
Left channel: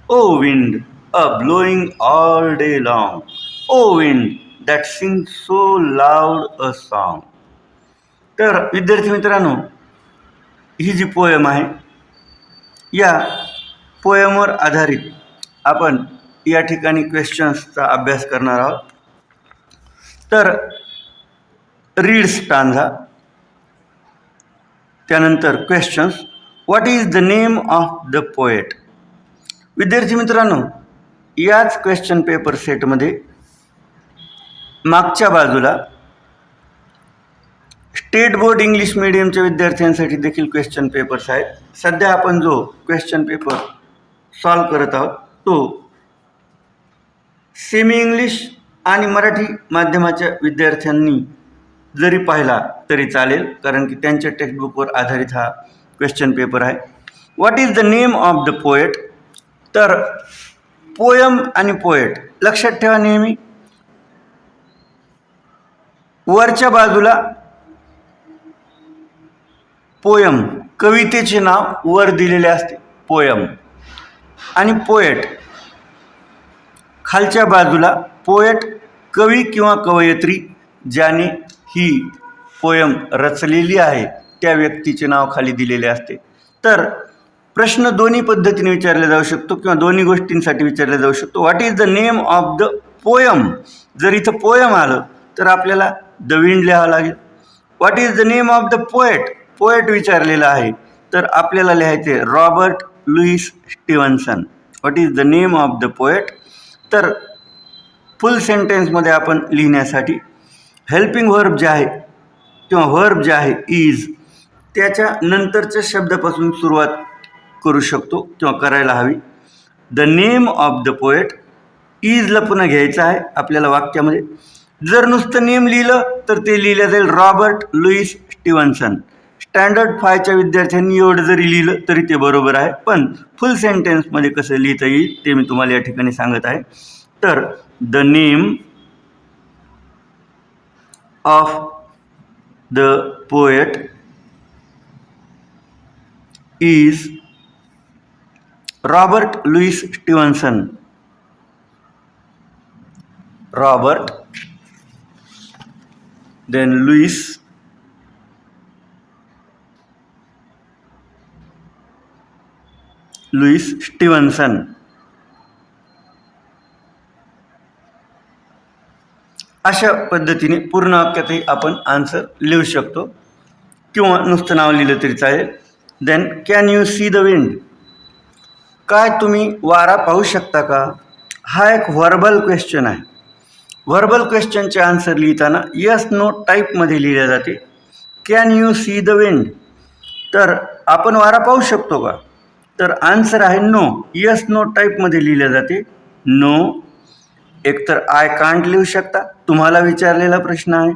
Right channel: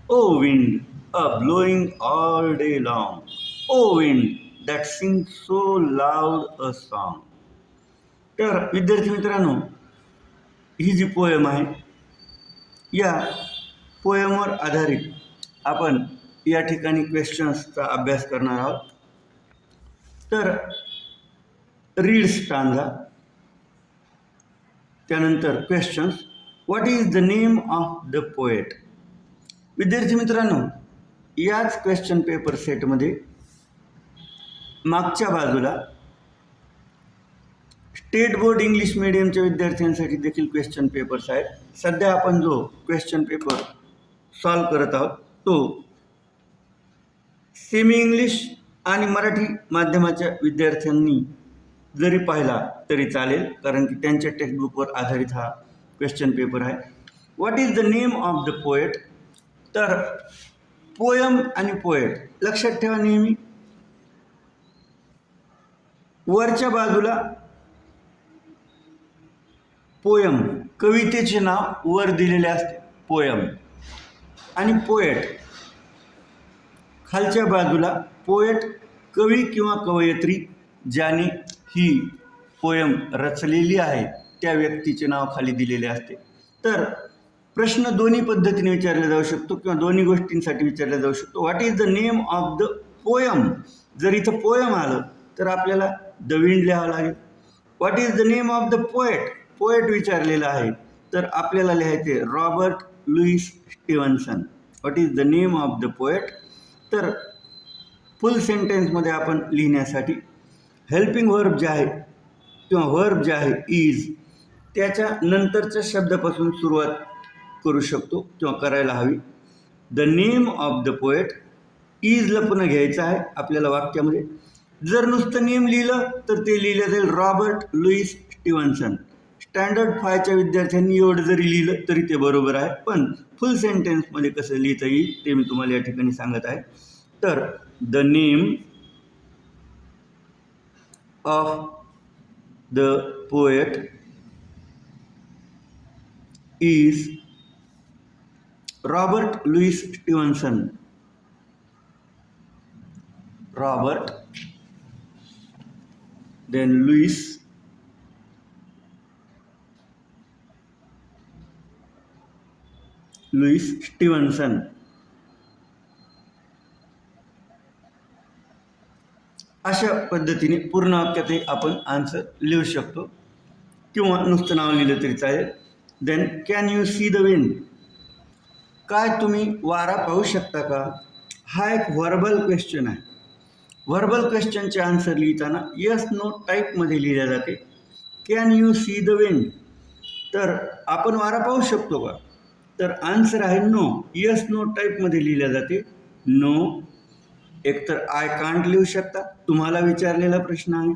O wind, a blowing all day long, O wind, that sings so loud a song. तर विद्यार्थी मित्रांनो, ही जी पोयम आहे या पोयमवर आधारित आपण या ठिकाणी क्वेश्चन्सचा अभ्यास करणार आहोत. तर रीड स्टांझा, त्यानंतर questions, what is the name of the poet. विद्यार्थी मित्रांनो, याच क्वेश्चन पेपर सेटमध्ये मागच्या बाजूला स्टेट बोर्ड इंग्लिश मीडियमच्या विद्यार्थ्यांसाठी देखील क्वेश्चन पेपर्स आहेत. सध्या आपण जो क्वेश्चन पेपर सॉल्व करत आहोत तो सेमी इंग्लिश आणि मराठी माध्यमाच्या विद्यार्थ्यांनी जरी पाहिला तरी चालेल, कारण की त्यांच्या टेक्स्टबुकवर आधारित हा क्वेश्चन पेपर आहे. What is the name of the poet? तर पोयम आणि पोएट लक्षात ठेवा नेहमी. वरच्या बाजूला पोयम कवितेचे नाव वर दिलेले असते पोयम, आणि पोएट खालच्या बाजूला पोएट कवी किंवा कवयित्री ज्याने ही पोयम रचलेली आहे त्या व्यक्तीचे नाव खाली दिलेले असते. तर प्रश्न दोन्ही पद्धतीने विचारला जाऊ शकतो किंवा दोन्ही गोष्टींसाठी विचारला जाऊ शकतो. What is the name of the poem? जर इथं पोयम आलं तर आपल्याला द विंड लिहावं लागेल. What is the name of the poet? Poet विचारलेला आहे तर आपल्याला लिहायचे Robert Louis Stevenson. What is the name of the poet? तर फुल सेंटेन्समध्ये आपण लिहिण्यासाठी हेल्पिंग व्हर्ब जे आहे किंवा व्हर्ब जे आहे इज, त्याच्या नंतरच्या शब्दापासून सुरुवात करू शकतो किंवा करायला हवी. The name of the poet, इजला पुन्हा घ्यायचं आहे आपल्याला वाक्यामध्ये. जर नुसतं नेम लिहिलं तर ते लिहिलं जाईल रॉबर्ट लुईस स्टीव्हन्सन. स्टँडर्ड 5च्या विद्यार्थ्यांनी एवढं जरी लिहिलं तरी ते बरोबर आहे, पण फुल सेंटेन्समध्ये कसं लिहिता येईल ते मी तुम्हाला या ठिकाणी सांगत आहे. तर the name of the poet is Robert Louis Stevenson. Robert, then Louis, Louis Stevenson. अशा पद्धतीने पूर्ण वाक्यातही आपण आन्सर लिहू शकतो किंवा नुसतं नाव लिहिलं तरी चालेल. Then can you see the wind? काय तुम्ही वारा पाहू शकता का? हा एक व्हर्बल क्वेश्चन आहे. व्हर्बल क्वेश्चनचे आन्सर लिहिताना यस नो टाईपमध्ये लिहिले जाते. Can you see the wind? तर आपण वारा पाहू शकतो का? तर आन्सर आहे नो. यस नो टाईपमध्ये लिहिले जाते. नो. एकतर आय कांट लिहू शकता, तुम्हाला विचारलेला प्रश्न आहे.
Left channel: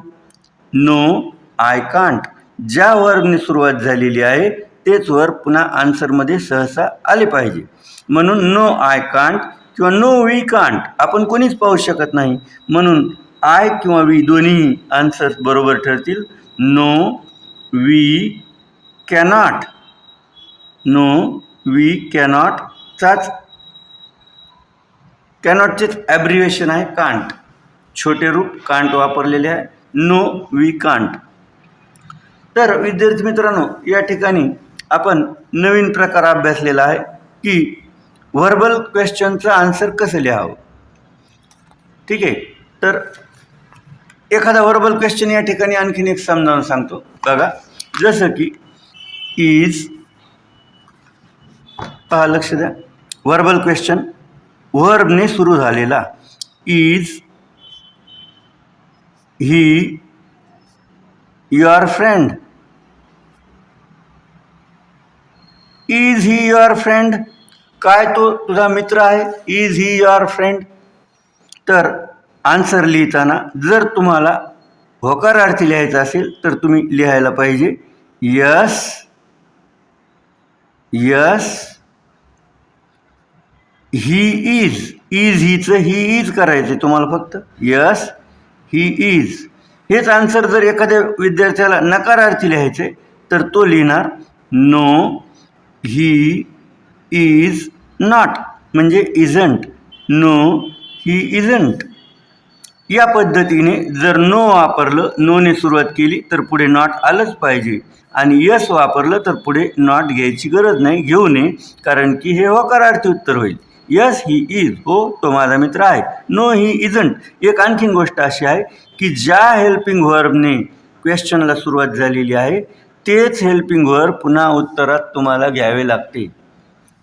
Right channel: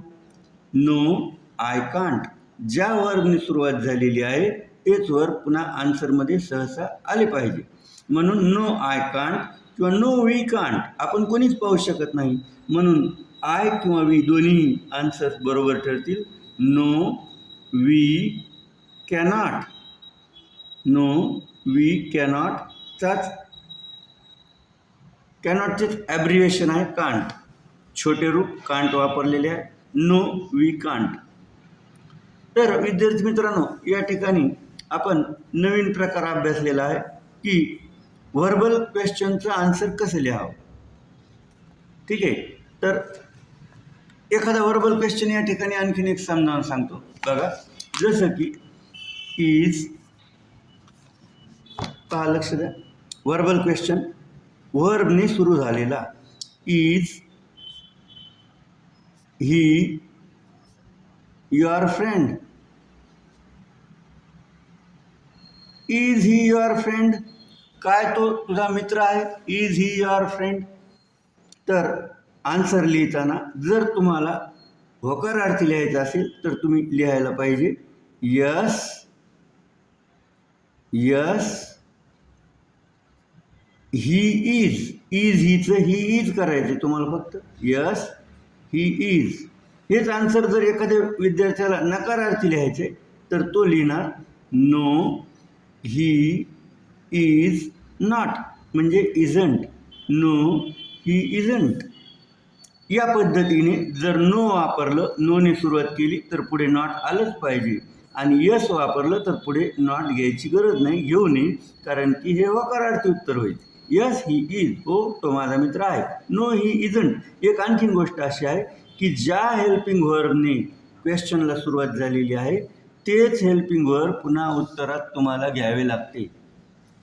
No I can't. ज्या वर्बने सुरुवात झालेली आहे तेच वर्ब पुन्हा आन्सरमध्ये सहसा आले पाहिजे. म्हणून नो आय कांट किंवा नो वी कांट आपण कोणीच पाहू शकत नाही, म्हणून आय किंवा वी दोन्ही आन्सर्स बरोबर ठरतील. No we cannot. No we कॅनॉटचाच कॅनॉटचेच ॲब्रिव्हिएशन आहे कांट. छोटे रूप कांट वापरलेले आहे. No we can't. तर विद्यार्थी मित्रांनो, या ठिकाणी आपण नवीन प्रकार अभ्यासलेला आहे की व्हर्बल क्वेश्चनचं आन्सर कसं लिहावं. ठीक आहे. तर एखादा व्हर्बल क्वेश्चन या ठिकाणी आणखीन एक समजावून सांगतो बघा. जसं की इज, पहा लक्ष द्या, व्हर्बल क्वेश्चन व्हर्बने सुरू झालेला. Is he your friend? Is he your friend? काय तो तुझा मित्र आहे? Is he your friend? तर आन्सर लिहिताना जर तुम्हाला होकारार्थी लिहायचं असेल तर तुम्ही लिहायला पाहिजे yes, yes he is. Is हीचं ही इज करायचं तुम्हाला फक्त. Yes he is. हेच आन्सर जर एखाद्या विद्यार्थ्याला नकारार्थी लिहायचे तर तो लिहिणार नो ही इज नॉट, म्हणजे इजंट. No he isn't. या पद्धतीने जर नो वापरलं, नोने सुरुवात केली तर पुढे नॉट आलंच पाहिजे, आणि यस वापरलं तर पुढे नॉट घ्यायची गरज नाही, घेऊ नये, कारण की हे होकारार्थी उत्तर होईल. यस ही इज, हो तो माझा मित्र आहे. No he isn't. एक आणखीन गोष्ट अशी आहे की ज्या हेल्पिंग व्हर्बने क्वेश्चनला सुरुवात झालेली आहे तेच हेल्पिंग व्हर्ब पुन्हा उत्तरात तुम्हाला घ्यावे लागते.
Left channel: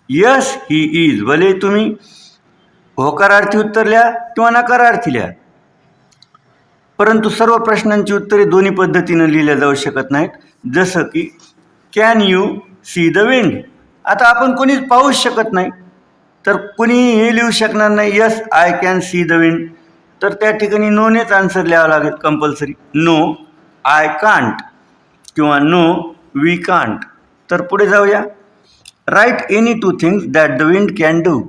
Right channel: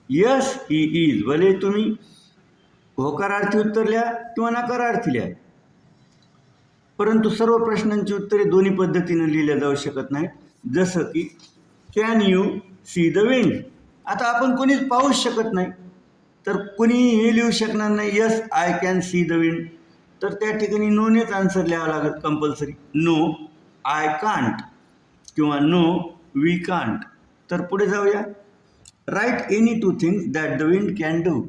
यस ही इज, भले तुम्ही होकारार्थी उत्तर लिहा किंवा नकारार्थी लिहा, परंतु सर्व प्रश्नांची उत्तरे दोन्ही पद्धतीनं लिहिल्या जाऊ शकत नाहीत. जसं की can you see the wind? आता आपण कोणीच पाहूच शकत नाही, तर कुणी हे लिहू शकणार नाही yes I can see the wind. तर त्या ठिकाणी नोनेच आन्सर लिहावं लागेल कंपल्सरी. नो आय कांट किंवा नो वी कांट. तर पुढे जाऊया. Right any two things that the wind can do.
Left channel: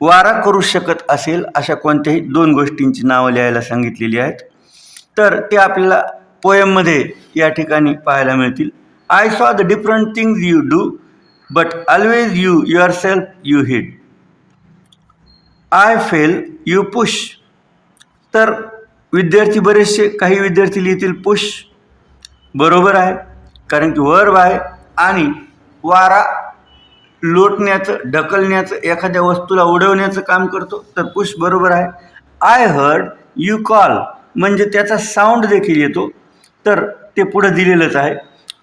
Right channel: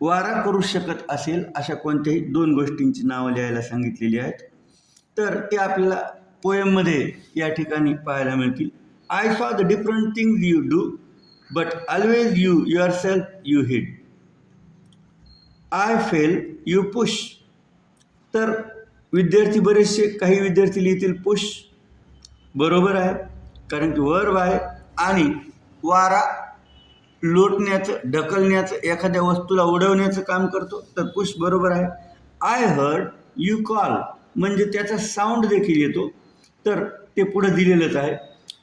वारा करू शकत असेल अशा कोणत्याही दोन गोष्टींची नावं लिहायला सांगितलेली आहेत. तर ते आपल्याला पोएममध्ये या ठिकाणी पाहायला मिळतील. I saw the different things you do but always you yourself you hid. I fail you push. तर विद्यार्थी बरेचसे काही विद्यार्थी लिहितील पुश. बरोबर आहे, कारण की वर्ब आहे आणि वारा लोटण्याचं, ढकलण्याचं, एखाद्या वस्तूला उडवण्याचं काम करतो, तर पुश बरोबर आहे. आय हर्ड यू कॉल म्हणजे त्याचा साऊंड देखील येतो, तर ते पुढं दिलेलंच आहे.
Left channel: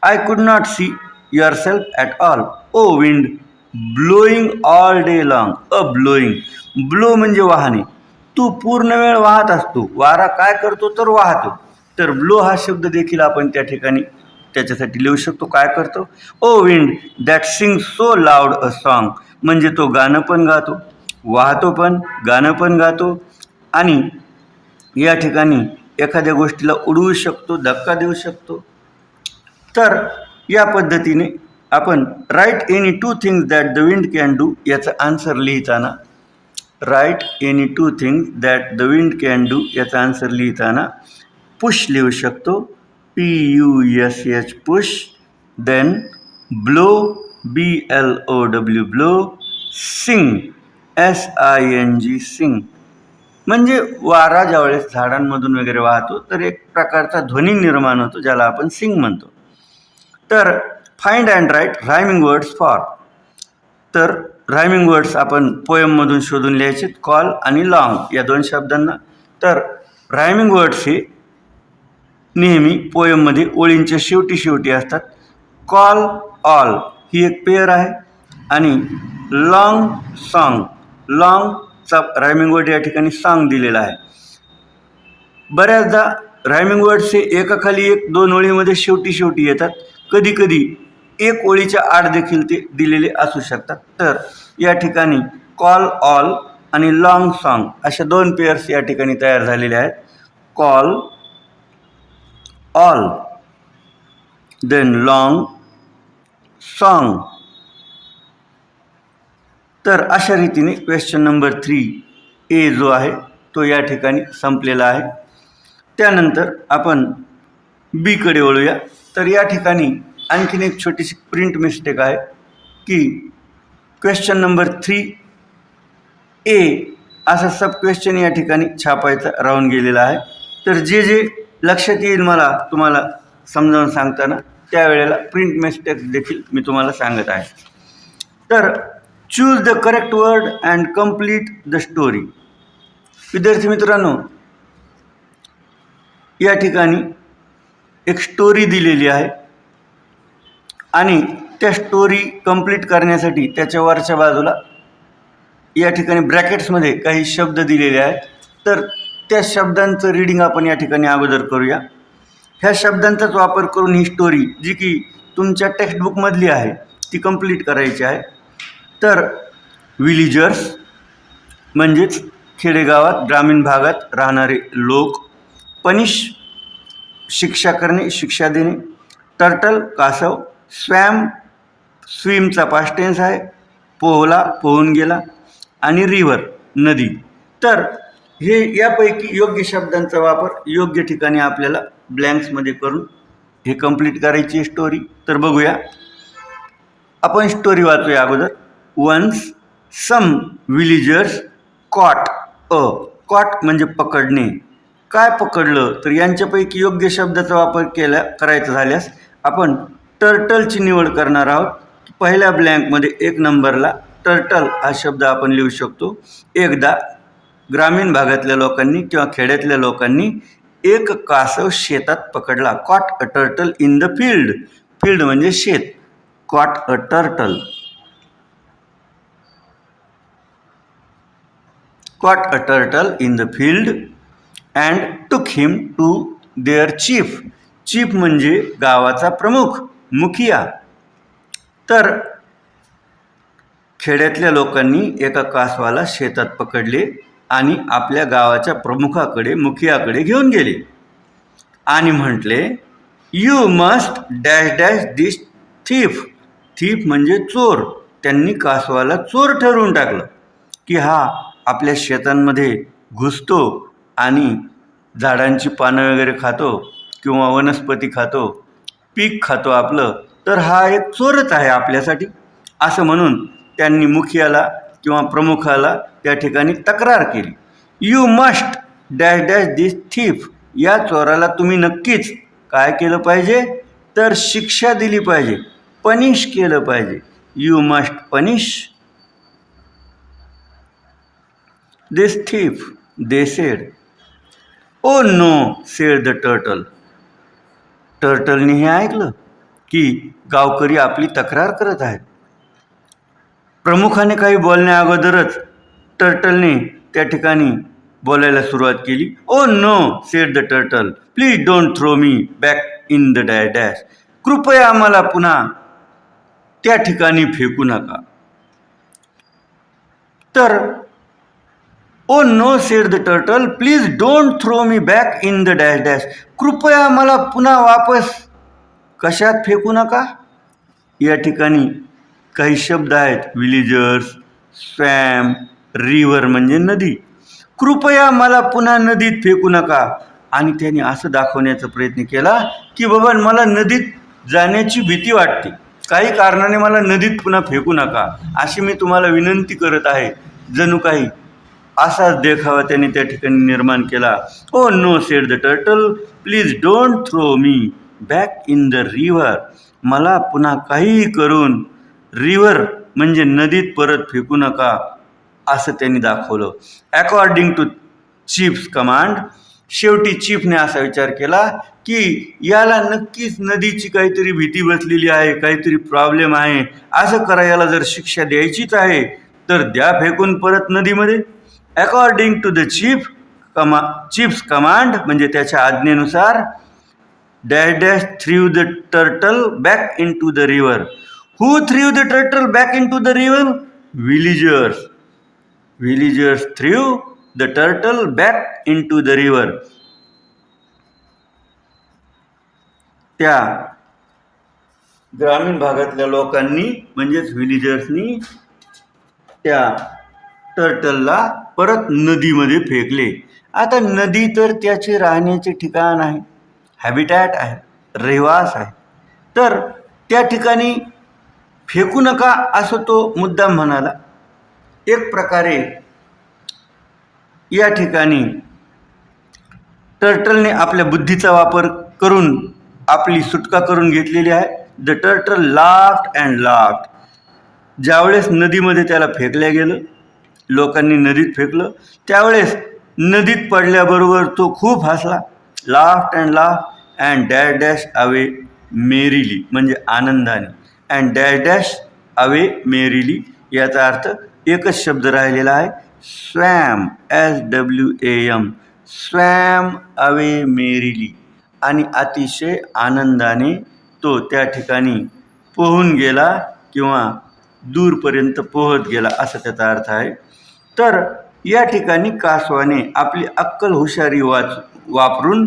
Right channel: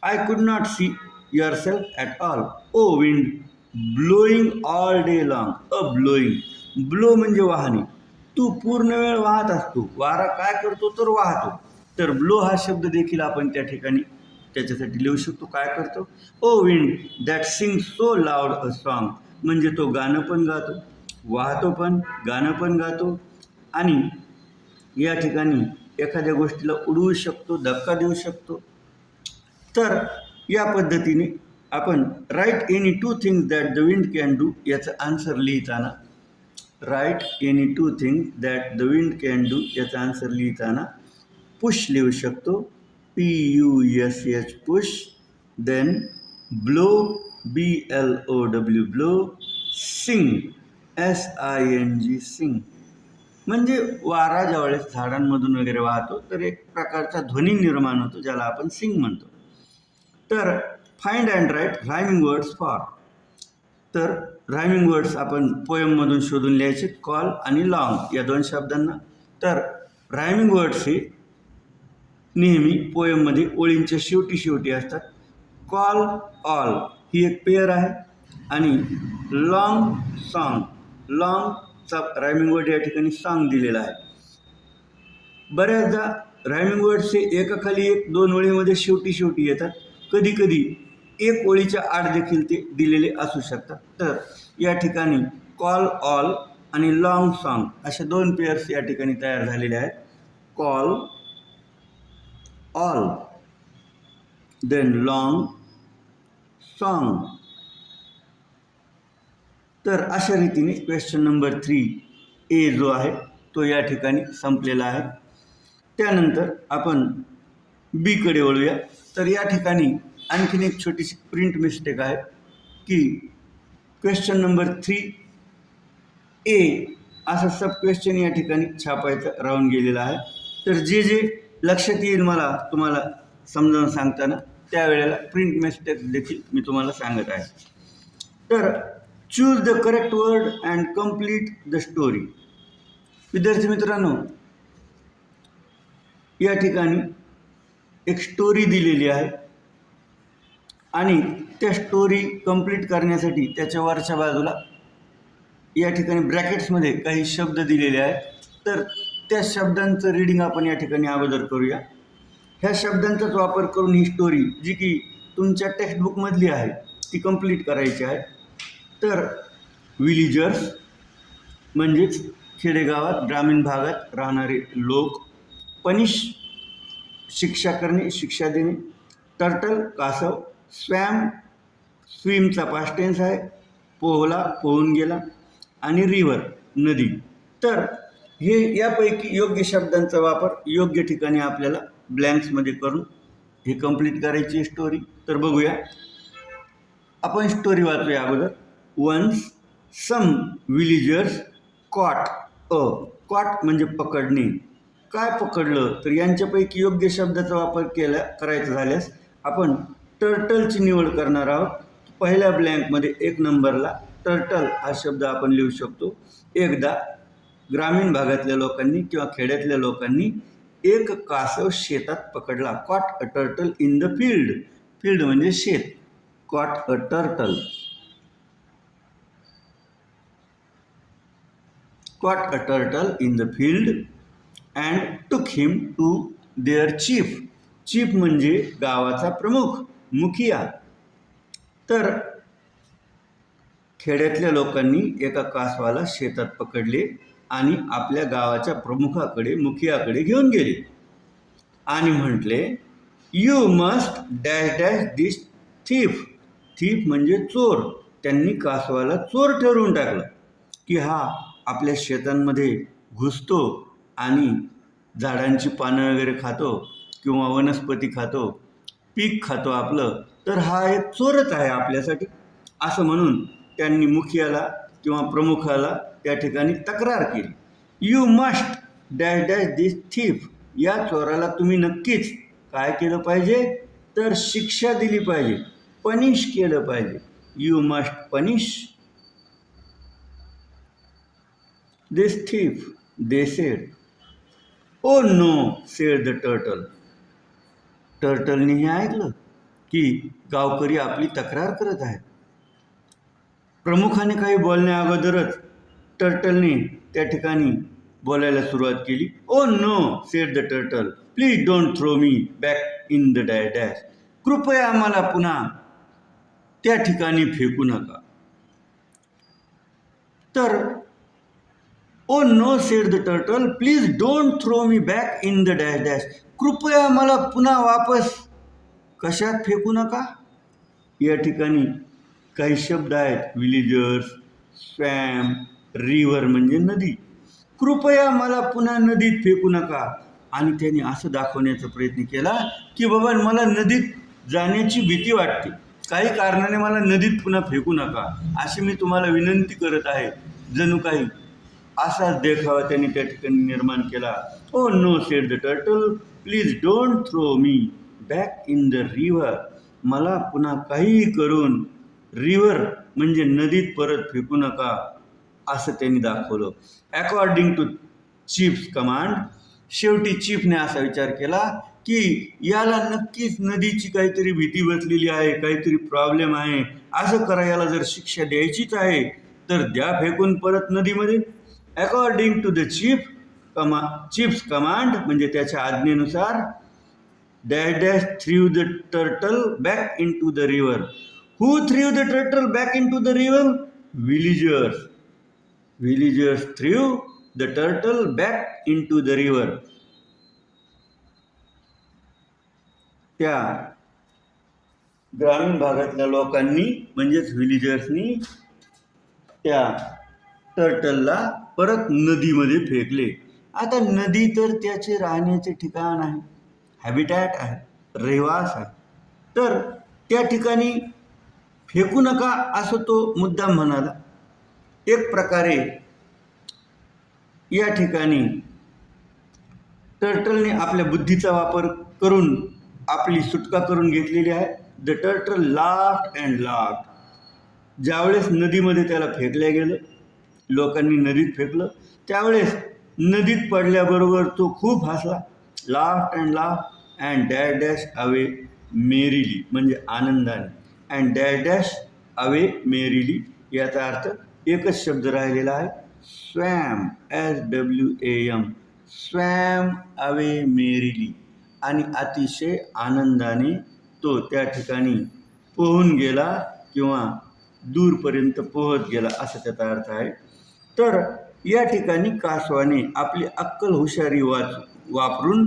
I could not see yourself at all. O wind blowing all day long. A blowing, blow म्हणजे वाहने. तू पूर्ण वेळ वाहत असतो. वारा काय करतो तर वाहतो. तर ब्लो हा शब्द देखील आपण त्या ठिकाणी त्याच्यासाठी लिहू शकतो. काय करतो? O wind that sing so loud a song म्हणजे तो गाणं पण गातो, वाहतो पण, गाणं पण गातो आणि या ठिकाणी एखाद्या गोष्टीला उडवू शकतो, धक्का देऊ शकतो. तर या पद्धतीने आपण write any two things that the wind can do याचा आन्सर लिहिताना, write any two things that the wind can do याचा आन्सर लिहिताना पुश लिहू शकतो. PUSH push. Then blow BLOW blow. Sing SING sing म्हणजे वारा ज्यावेळेस झाडांमधून वगैरे वाहतो तर एक प्रकारचा ध्वनी निर्माण होतो, ज्याला आपण सिंग म्हणतो. तर find and write rhyming words for. तर रायमिंग वर्ड्स आपण पोएममधून शोधून लिहायचे, कॉल आणि लॉंग या दोन शब्दांना. तर रायमिंग वर्ड्स हे नेहमी पोएममध्ये ओळींच्या शेवटी शेवटी असतात. कॉल ऑल ही एक पेअर आहे आणि लॉंग सॉन्ग, लॉंगचा रायमिंग वर्ड या ठिकाणी सॉन्ग दिलेला आहे. बऱ्याचदा रायमिंग वर्ड्स हे एकाखाली एक दोन ओळीमध्ये शेवटी शेवटी येतात. कधी कधी एक ओळीच्या आड देखील ते दिलेले असू शकतात. तर या ठिकाणी कॉल ऑल आणि लॉंग सॉन्ग अशा दोन पेअर्स या ठिकाणी तयार झालेले आहेत. Call all, then long song. तर अशा रीतीने क्वेश्चन नंबर 3A जो आहे तो या ठिकाणी संपलेला आहे. त्यानंतर आपण बीकडे वळूया. तर या ठिकाणी आणखीन एक छोटीशी प्रिंट मिस्टेक आहे की क्वेश्चन नंबर 3A असा सब क्वेश्चन या ठिकाणी छापायचा राहून गेलेला आहे. तर जे जे लक्षात येईल मला तुम्हाला समजावून सांगताना त्यावेळेला प्रिंट मिस्टेक देखील मी तुम्हाला सांगत आहे. तर choose the correct word and complete the story. विद्यार्थी मित्रांनो, या ठिकाणी एक स्टोरी दिलेली आहे आणि त्या स्टोरी कंप्लीट करण्यासाठी त्याच्या वरच्या बाजूला या ठिकाणी ब्रॅकेट्समध्ये काही शब्द दिलेले आहेत. तर त्या शब्दांचं रीडिंग आपण या ठिकाणी अगोदर करूया. ह्या शब्दांचाच वापर करून ही स्टोरी जी की तुमच्या टेक्स्टबुकमधली आहे ती कंप्लीट करायची आहे. तर विलिजर्स म्हणजेच खेडेगावात ग्रामीण भागात राहणारे लोक. पनिश शिक्षा करणे, शिक्षा देणे. टर्टल कासव. स्वॅम स्विमचा पास्ट टेन्स आहे. पोहला पोहून गेला. आणि रिव्हर नदी. तर हे यापैकी योग्य शब्दांचा वापर योग्य ठिकाणी आपल्याला ब्लँक्समध्ये करून हे कंप्लीट करायची स्टोरी. तर बघूया, आपण स्टोरी वाचूया अगोदर. Once some villagers caught a. Caught म्हणजे पकडणे. काय पकडलं तर यांच्यापैकी योग्य शब्दाचा वापर करायचा झाल्यास आपण टर्टलची निवड करणार आहोत. पहिल्या ब्लँकमध्ये 1 नंबरला टर्टल हा शब्द आपण लिहू शकतो. एकदा ग्रामीण भागातल्या लोकांनी किंवा खेड्यातल्या लोकांनी एक कासव शेतात पकडला. Caught a turtle in the field. Field म्हणजे शेत. Caught a turtle. caught a turtle in the field and took him to their chief. chief म्हणजे गावाचा प्रमुख, मुखिया. तर खेड्यातल्या लोकांनी एका कासवाला शेतात पकडले आणि आपल्या गावाच्या प्रमुखाकडे, मुखियाकडे घेऊन गेले. आणि म्हटले you must dash dash this thief. Thief म्हणजे चोर. त्यांनी कासवाला चोर ठरवून टाकलं की हा आपल्या शेतांमध्ये घुसतो आणि झाडांची पानं वगैरे खातो किंवा वनस्पती खातो, पीक खातो आपलं, तर हा एक चोरच आहे आपल्यासाठी, असं म्हणून त्यांनी मुखियाला किंवा प्रमुखाला त्या ठिकाणी तक्रार केली. You must dash dash this thief. या चोराला तुम्ही नक्कीच काय केलं पाहिजे, तर शिक्षा दिली पाहिजे, पनिश केलं पाहिजे. You must punish this thief, they said. Oh no said the turtle. टर्टलने हे ऐकलं की गावकरी आपली तक्रार करत आहेत. प्रमुखाने काही बोलण्या अगोदरच टर्टलने त्या ठिकाणी बोलायला सुरुवात केली. Oh no said the turtle, please don't throw me back in the dash dash. कृपया आम्हाला पुन्हा त्या ठिकाणी फेकू नका. तर oh no said the turtle, please don't throw me back in the dash dash. कृपया मला पुन्हा वापस कशात फेकू नका. या ठिकाणी काही शब्द आहेत, विलेजर्स, स्वॅम, रिव्हर म्हणजे नदी. कृपया मला पुन्हा नदीत फेकू नका. आणि त्यांनी असं दाखवण्याचा प्रयत्न केला की बाबा मला नदीत जाण्याची भीती वाटते, काही कारणाने मला नदीत पुन्हा फेकू नका, अशी मी तुम्हाला विनंती करत आहे. जणू काही असाच देखावा त्यांनी त्या ठिकाणी निर्माण केला. Oh no said the turtle, please don't throw me back in the river. मला पुन्हा काहीही करून रिव्हर म्हणजे नदीत परत फेकू नका, असं त्यांनी दाखवलं. According to chief's command. शेवटी चीफने असा विचार केला की याला नक्कीच नदीची काहीतरी भीती बसलेली आहे, काहीतरी प्रॉब्लेम आहे. असं करा, याला जर शिक्षा द्यायचीच आहे तर द्या फेकून परत नदीमध्ये. According to the chief's command म्हणजे त्याच्या आज्ञेनुसार dash dash threw the turtle back into the river. Who threw the turtle back into the river? Villagers. Villagers threw the turtle back into the river. त्या ग्रामीण भागातल्या लोकांनी म्हणजेच विलेजर्सनी त्या टर्टलला परत नदीमध्ये फेकले. आता नदी तर त्याचे राहण्याचे ठिकाण आहे, हॅबिटॅट आहे, रहिवास आहे, तर त्या ठिकाणी फेकू नका असं तो मुद्दाम म्हणाला. एक प्रकारे या ठिकाणी टर्टलने आपल्या बुद्धीचा वापर करून आपली सुटका करून घेतलेली आहे. The turtle laughed and laughed. ज्यावेळेस नदीमध्ये त्याला फेकलं गेलं, लोकांनी नदीत फेकलं, त्यावेळेस नदीत पडल्याबरोबर तो खूप हसला. Laughed and laughed and dash dash away merrily म्हणजे आनंदाने. And dash dash away merrily याचा अर्थ एकच शब्द राहिलेला आहे, swam, SWAM, swam away merrily. आणि अतिशय आनंदाने तो त्या ठिकाणी पोहून गेला किंवा दूरपर्यंत पोहत गेला असा त्याचा अर्थ आहे. तर या ठिकाणी कासवाने आपली अक्कल हुशारी वापरून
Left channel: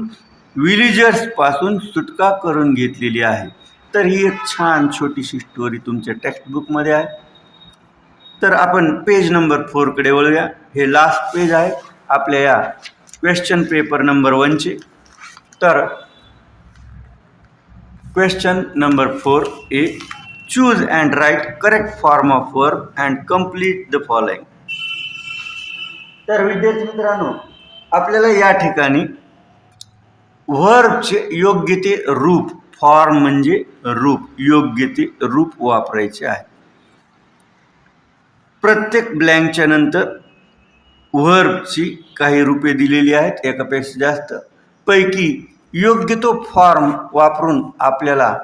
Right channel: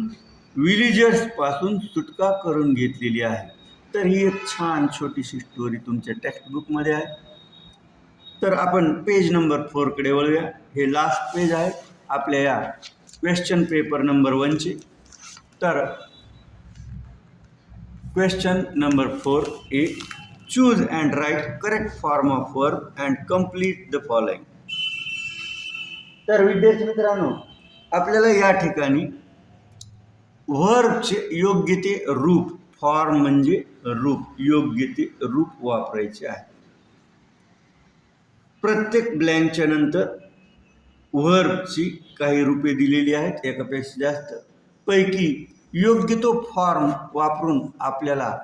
विलेजर्सपासून सुटका करून घेतलेली आहे. तर ही एक छान छोटीशी स्टोरी तुमच्या टेक्स्टबुकमध्ये आहे. तर आपण पेज नंबर 4कडे वळूया. हे लास्ट पेज आहे आपल्या या क्वेश्चन पेपर नंबर 1चे. तर question number 4A, choose and write correct form of verb and complete the following. तर विद्यार्थी मित्रांनो, आपल्याला या ठिकाणी व्हर्बचे योग्य ते रूप, फॉर्म म्हणजे रूप, योग्य ते रूप वापरायचे आहे. प्रत्येक ब्लँकच्या नंतर व्हर्बची काही रूपे दिलेली आहेत, एकापेक्षा जास्त. पैकी योग्य तो फॉर्म वापरून आपल्याला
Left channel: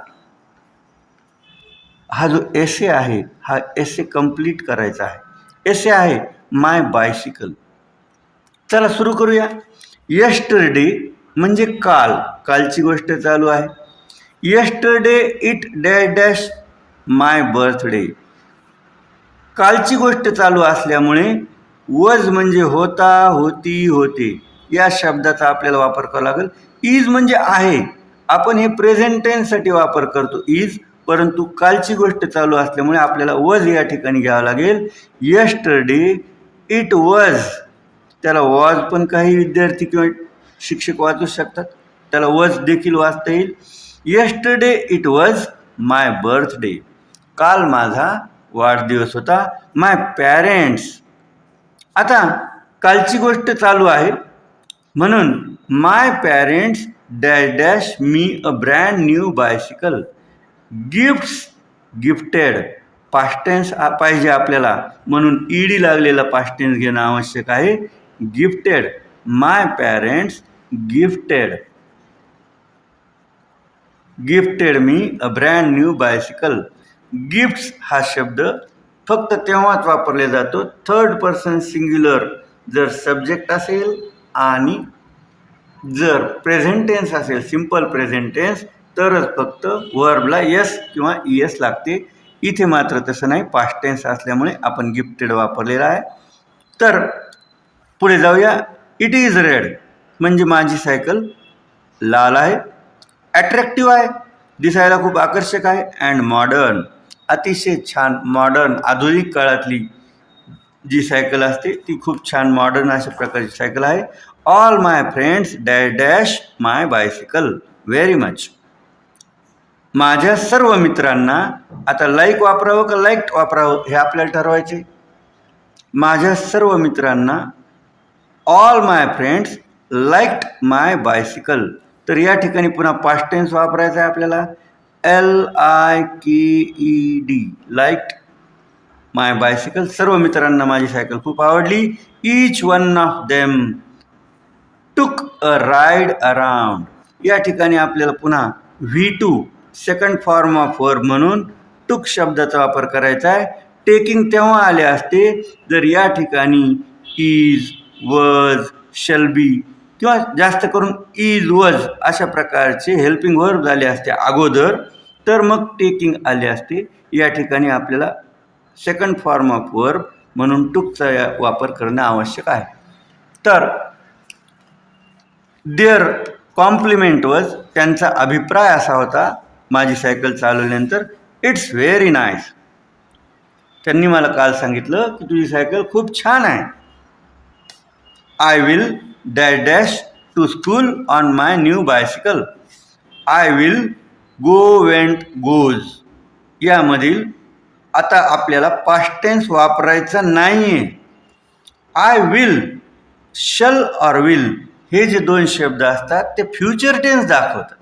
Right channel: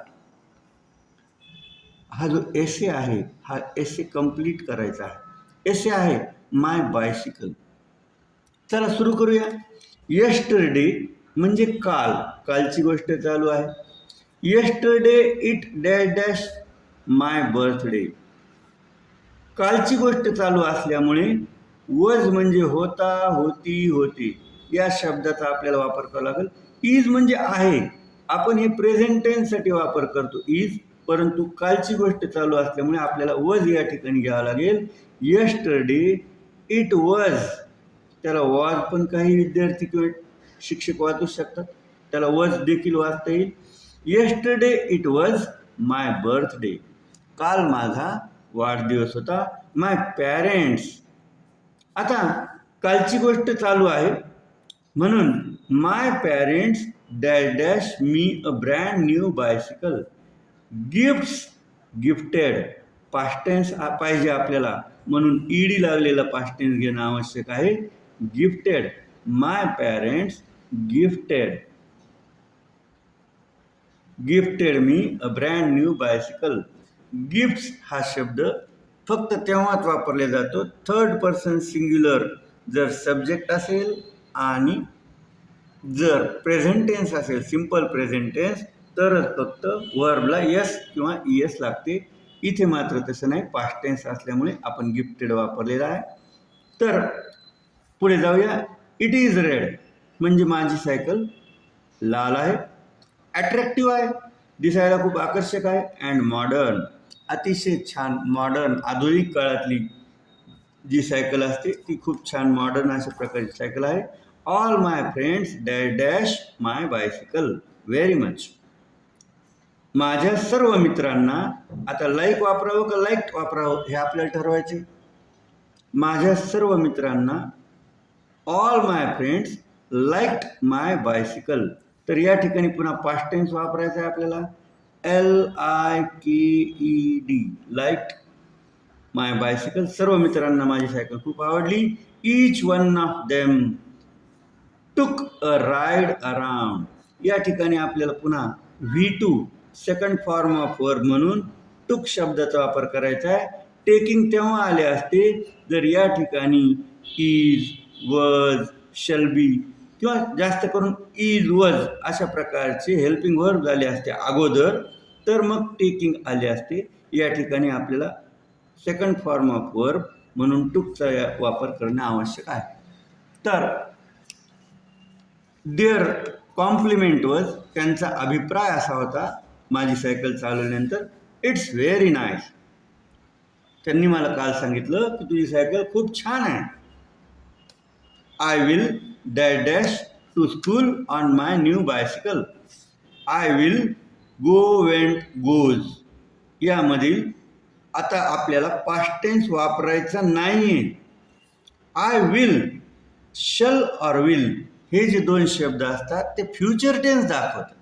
हा जो एसे आहे हा एसे कंप्लीट करायचा आहे. एसे आहे माय बायसिकल. चला सुरू करूया. यस्टरडे म्हणजे काल, कालची गोष्ट चालू आहे. Yesterday it dash dash my birthday. कालची गोष्ट चालू असल्यामुळे वज म्हणजे होता, होती, होते या शब्दाचा आपल्याला वापर करावा लागेल. इज म्हणजे आहे, आपण हे प्रेझेंट टेन्ससाठी वापर करतो इज, परंतु कालची गोष्ट चालू असल्यामुळे आपल्याला वॉज या ठिकाणी घ्यावं लागेल. यस्टरडे इट वॉज, त्याला वॉज पण काही विद्यार्थी किंवा शिक्षक वाचू शकतात, त्याला वॉज देखील वाचता येईल. Yesterday it was my birthday, काल माझा वाढदिवस होता. माय पॅरेंट्स, आता कालची गोष्ट चालू आहे म्हणून my parents dash dash me a brand new bicycle. Gifts gifted, past tense पाहिजे आपल्याला म्हणून ईडी लागलेला पास्ट टेन्स घेणं आवश्यक आहे. Gifted, my parents gifted me a brand new bicycle. Gifts हा शब्द फक्त तेव्हाच वापरला जातो थर्ड पर्सन सिंग्युलर जर सब्जेक्ट असेल आणि जर प्रेझेंट टेन्स असेल सिंपल प्रेझेंट टेन्स तरच फक्त वर्बला यस किंवा ईएस लागते. इथे मात्र तसं नाही, पास्ट टेन्स असल्यामुळे आपण गिफ्टेड वापरलेला आहे. तर पुढे जाऊया. इट इज रेड म्हणजे माझी सायकल लाल आहे. ॲट्रॅक्टिव्ह आहे, दिसायला खूप आकर्षक आहे. अँड मॉडर्न, अतिशय छान मॉडर्न आधुनिक काळातली जी सायकल असते ती खूप छान मॉडर्न अशा प्रकारची सायकल आहे. ऑल माय फ्रेंड्स डॅश डॅश माय बायसिकल व्हेरी मच. माझ्या सर्व मित्रांना, आता लाईक वापरावं का लाईक्ड वापरावं हे आपल्याला ठरवायचे. माझ्या सर्व मित्रांना ऑल माय फ्रेंड्स लाईक्ड माय बायसिकल, तर या ठिकाणी पुन्हा पास्ट टेन्स वापरायचा आहे आपल्याला. LIKED, लाईक्ड माय बायसिकल, सर्व मित्रांना माझी सायकल खूप आवडली. Each one of them took a ride around, या ठिकाणी आपल्याला पुन्हा V2 second form of verb म्हणून टुक शब्दाचा वापर करायचा आहे. टेकिंग तेव्हा आले असते जर या ठिकाणी इज, वज, शल बी किंवा जास्त करून इज, वज अशा प्रकारचे हेल्पिंग वर्ब झाले असते अगोदर, तर मग टेकिंग आले असते. या ठिकाणी आपल्याला सेकंड फॉर्म ऑफ वर्ब म्हणून टुकचा वापर करणं आवश्यक आहे. तर देअर कॉम्प्लिमेंट वॉज, त्यांचा अभिप्राय असा होता माझी सायकल चालवल्यानंतर, इट्स व्हेरी नाईस. त्यांनी मला काल सांगितलं की तुझी सायकल खूप छान आहे. I will dash dash to school on my new bicycle. I will go went goes, यामधील आता आपल्याला पास्ट टेन्स वापरायचा नाही आहे. आय विल, शल और विल हे जे दोन शब्द असतात ते फ्युचर टेन्स दाखवतात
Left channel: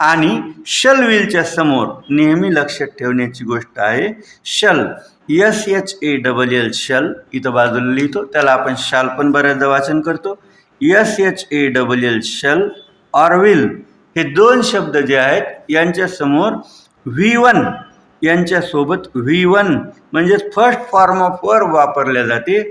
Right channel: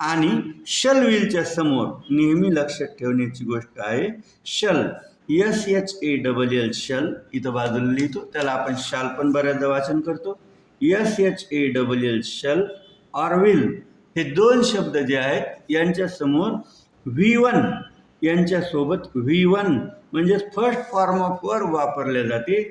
आणि शल विलच्या समोर नेहमी लक्षात ठेवण्याची गोष्ट आहे शल, SHALL शल, इथं बाजूला लिहितो, त्याला आपण शाल पण बऱ्याचदा वाचन करतो. SHALL शल और विल हे दोन शब्द जे आहेत यांच्यासमोर V1 यांच्यासोबत V1 म्हणजेच फर्स्ट फॉर्म ऑफ वर्ब वापरल्या जाते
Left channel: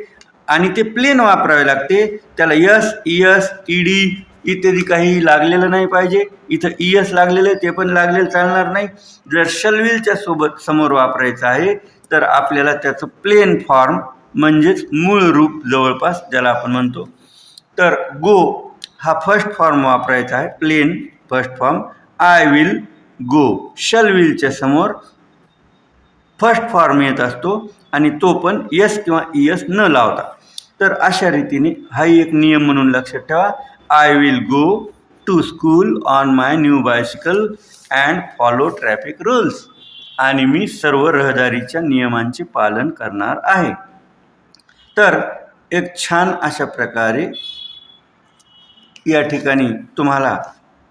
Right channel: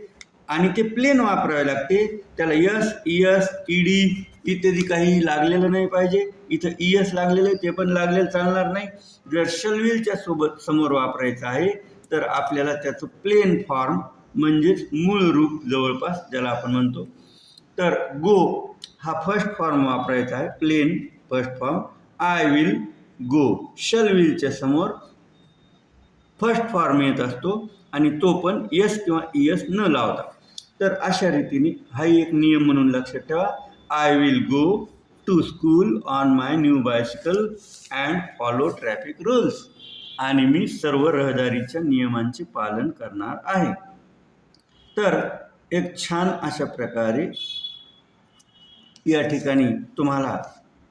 आणि ते प्लेन वापरावे लागते. त्याला यस, इयस, ईडी इत्यादी काही लागलेलं नाही पाहिजे. इथं इयस लागलेलं ते पण लागलेलं चालणार नाही. जर शलविलच्या सोबत समोर वापरायचं आहे तर आपल्याला त्याचं प्लेन फॉर्म म्हणजेच मूळ रूप जवळपास ज्याला आपण म्हणतो. तर गो हा फर्स्ट फॉर्म वापरायचा आहे, plain first form. I will go, शलविलच्या समोर फर्स्ट फॉर्म येत असतो आणि तो पण यस किंवा इयस न लावता. तर अशा रीतीने हाही एक नियम म्हणून लक्षात ठेवा. I will go to school on my new bicycle and follow traffic rules, आणि मी सर्व रहदारीच्या नियमांचे पालन करणार आहे. तर एक छान अशा प्रकारे या ठिकाणी तुम्हाला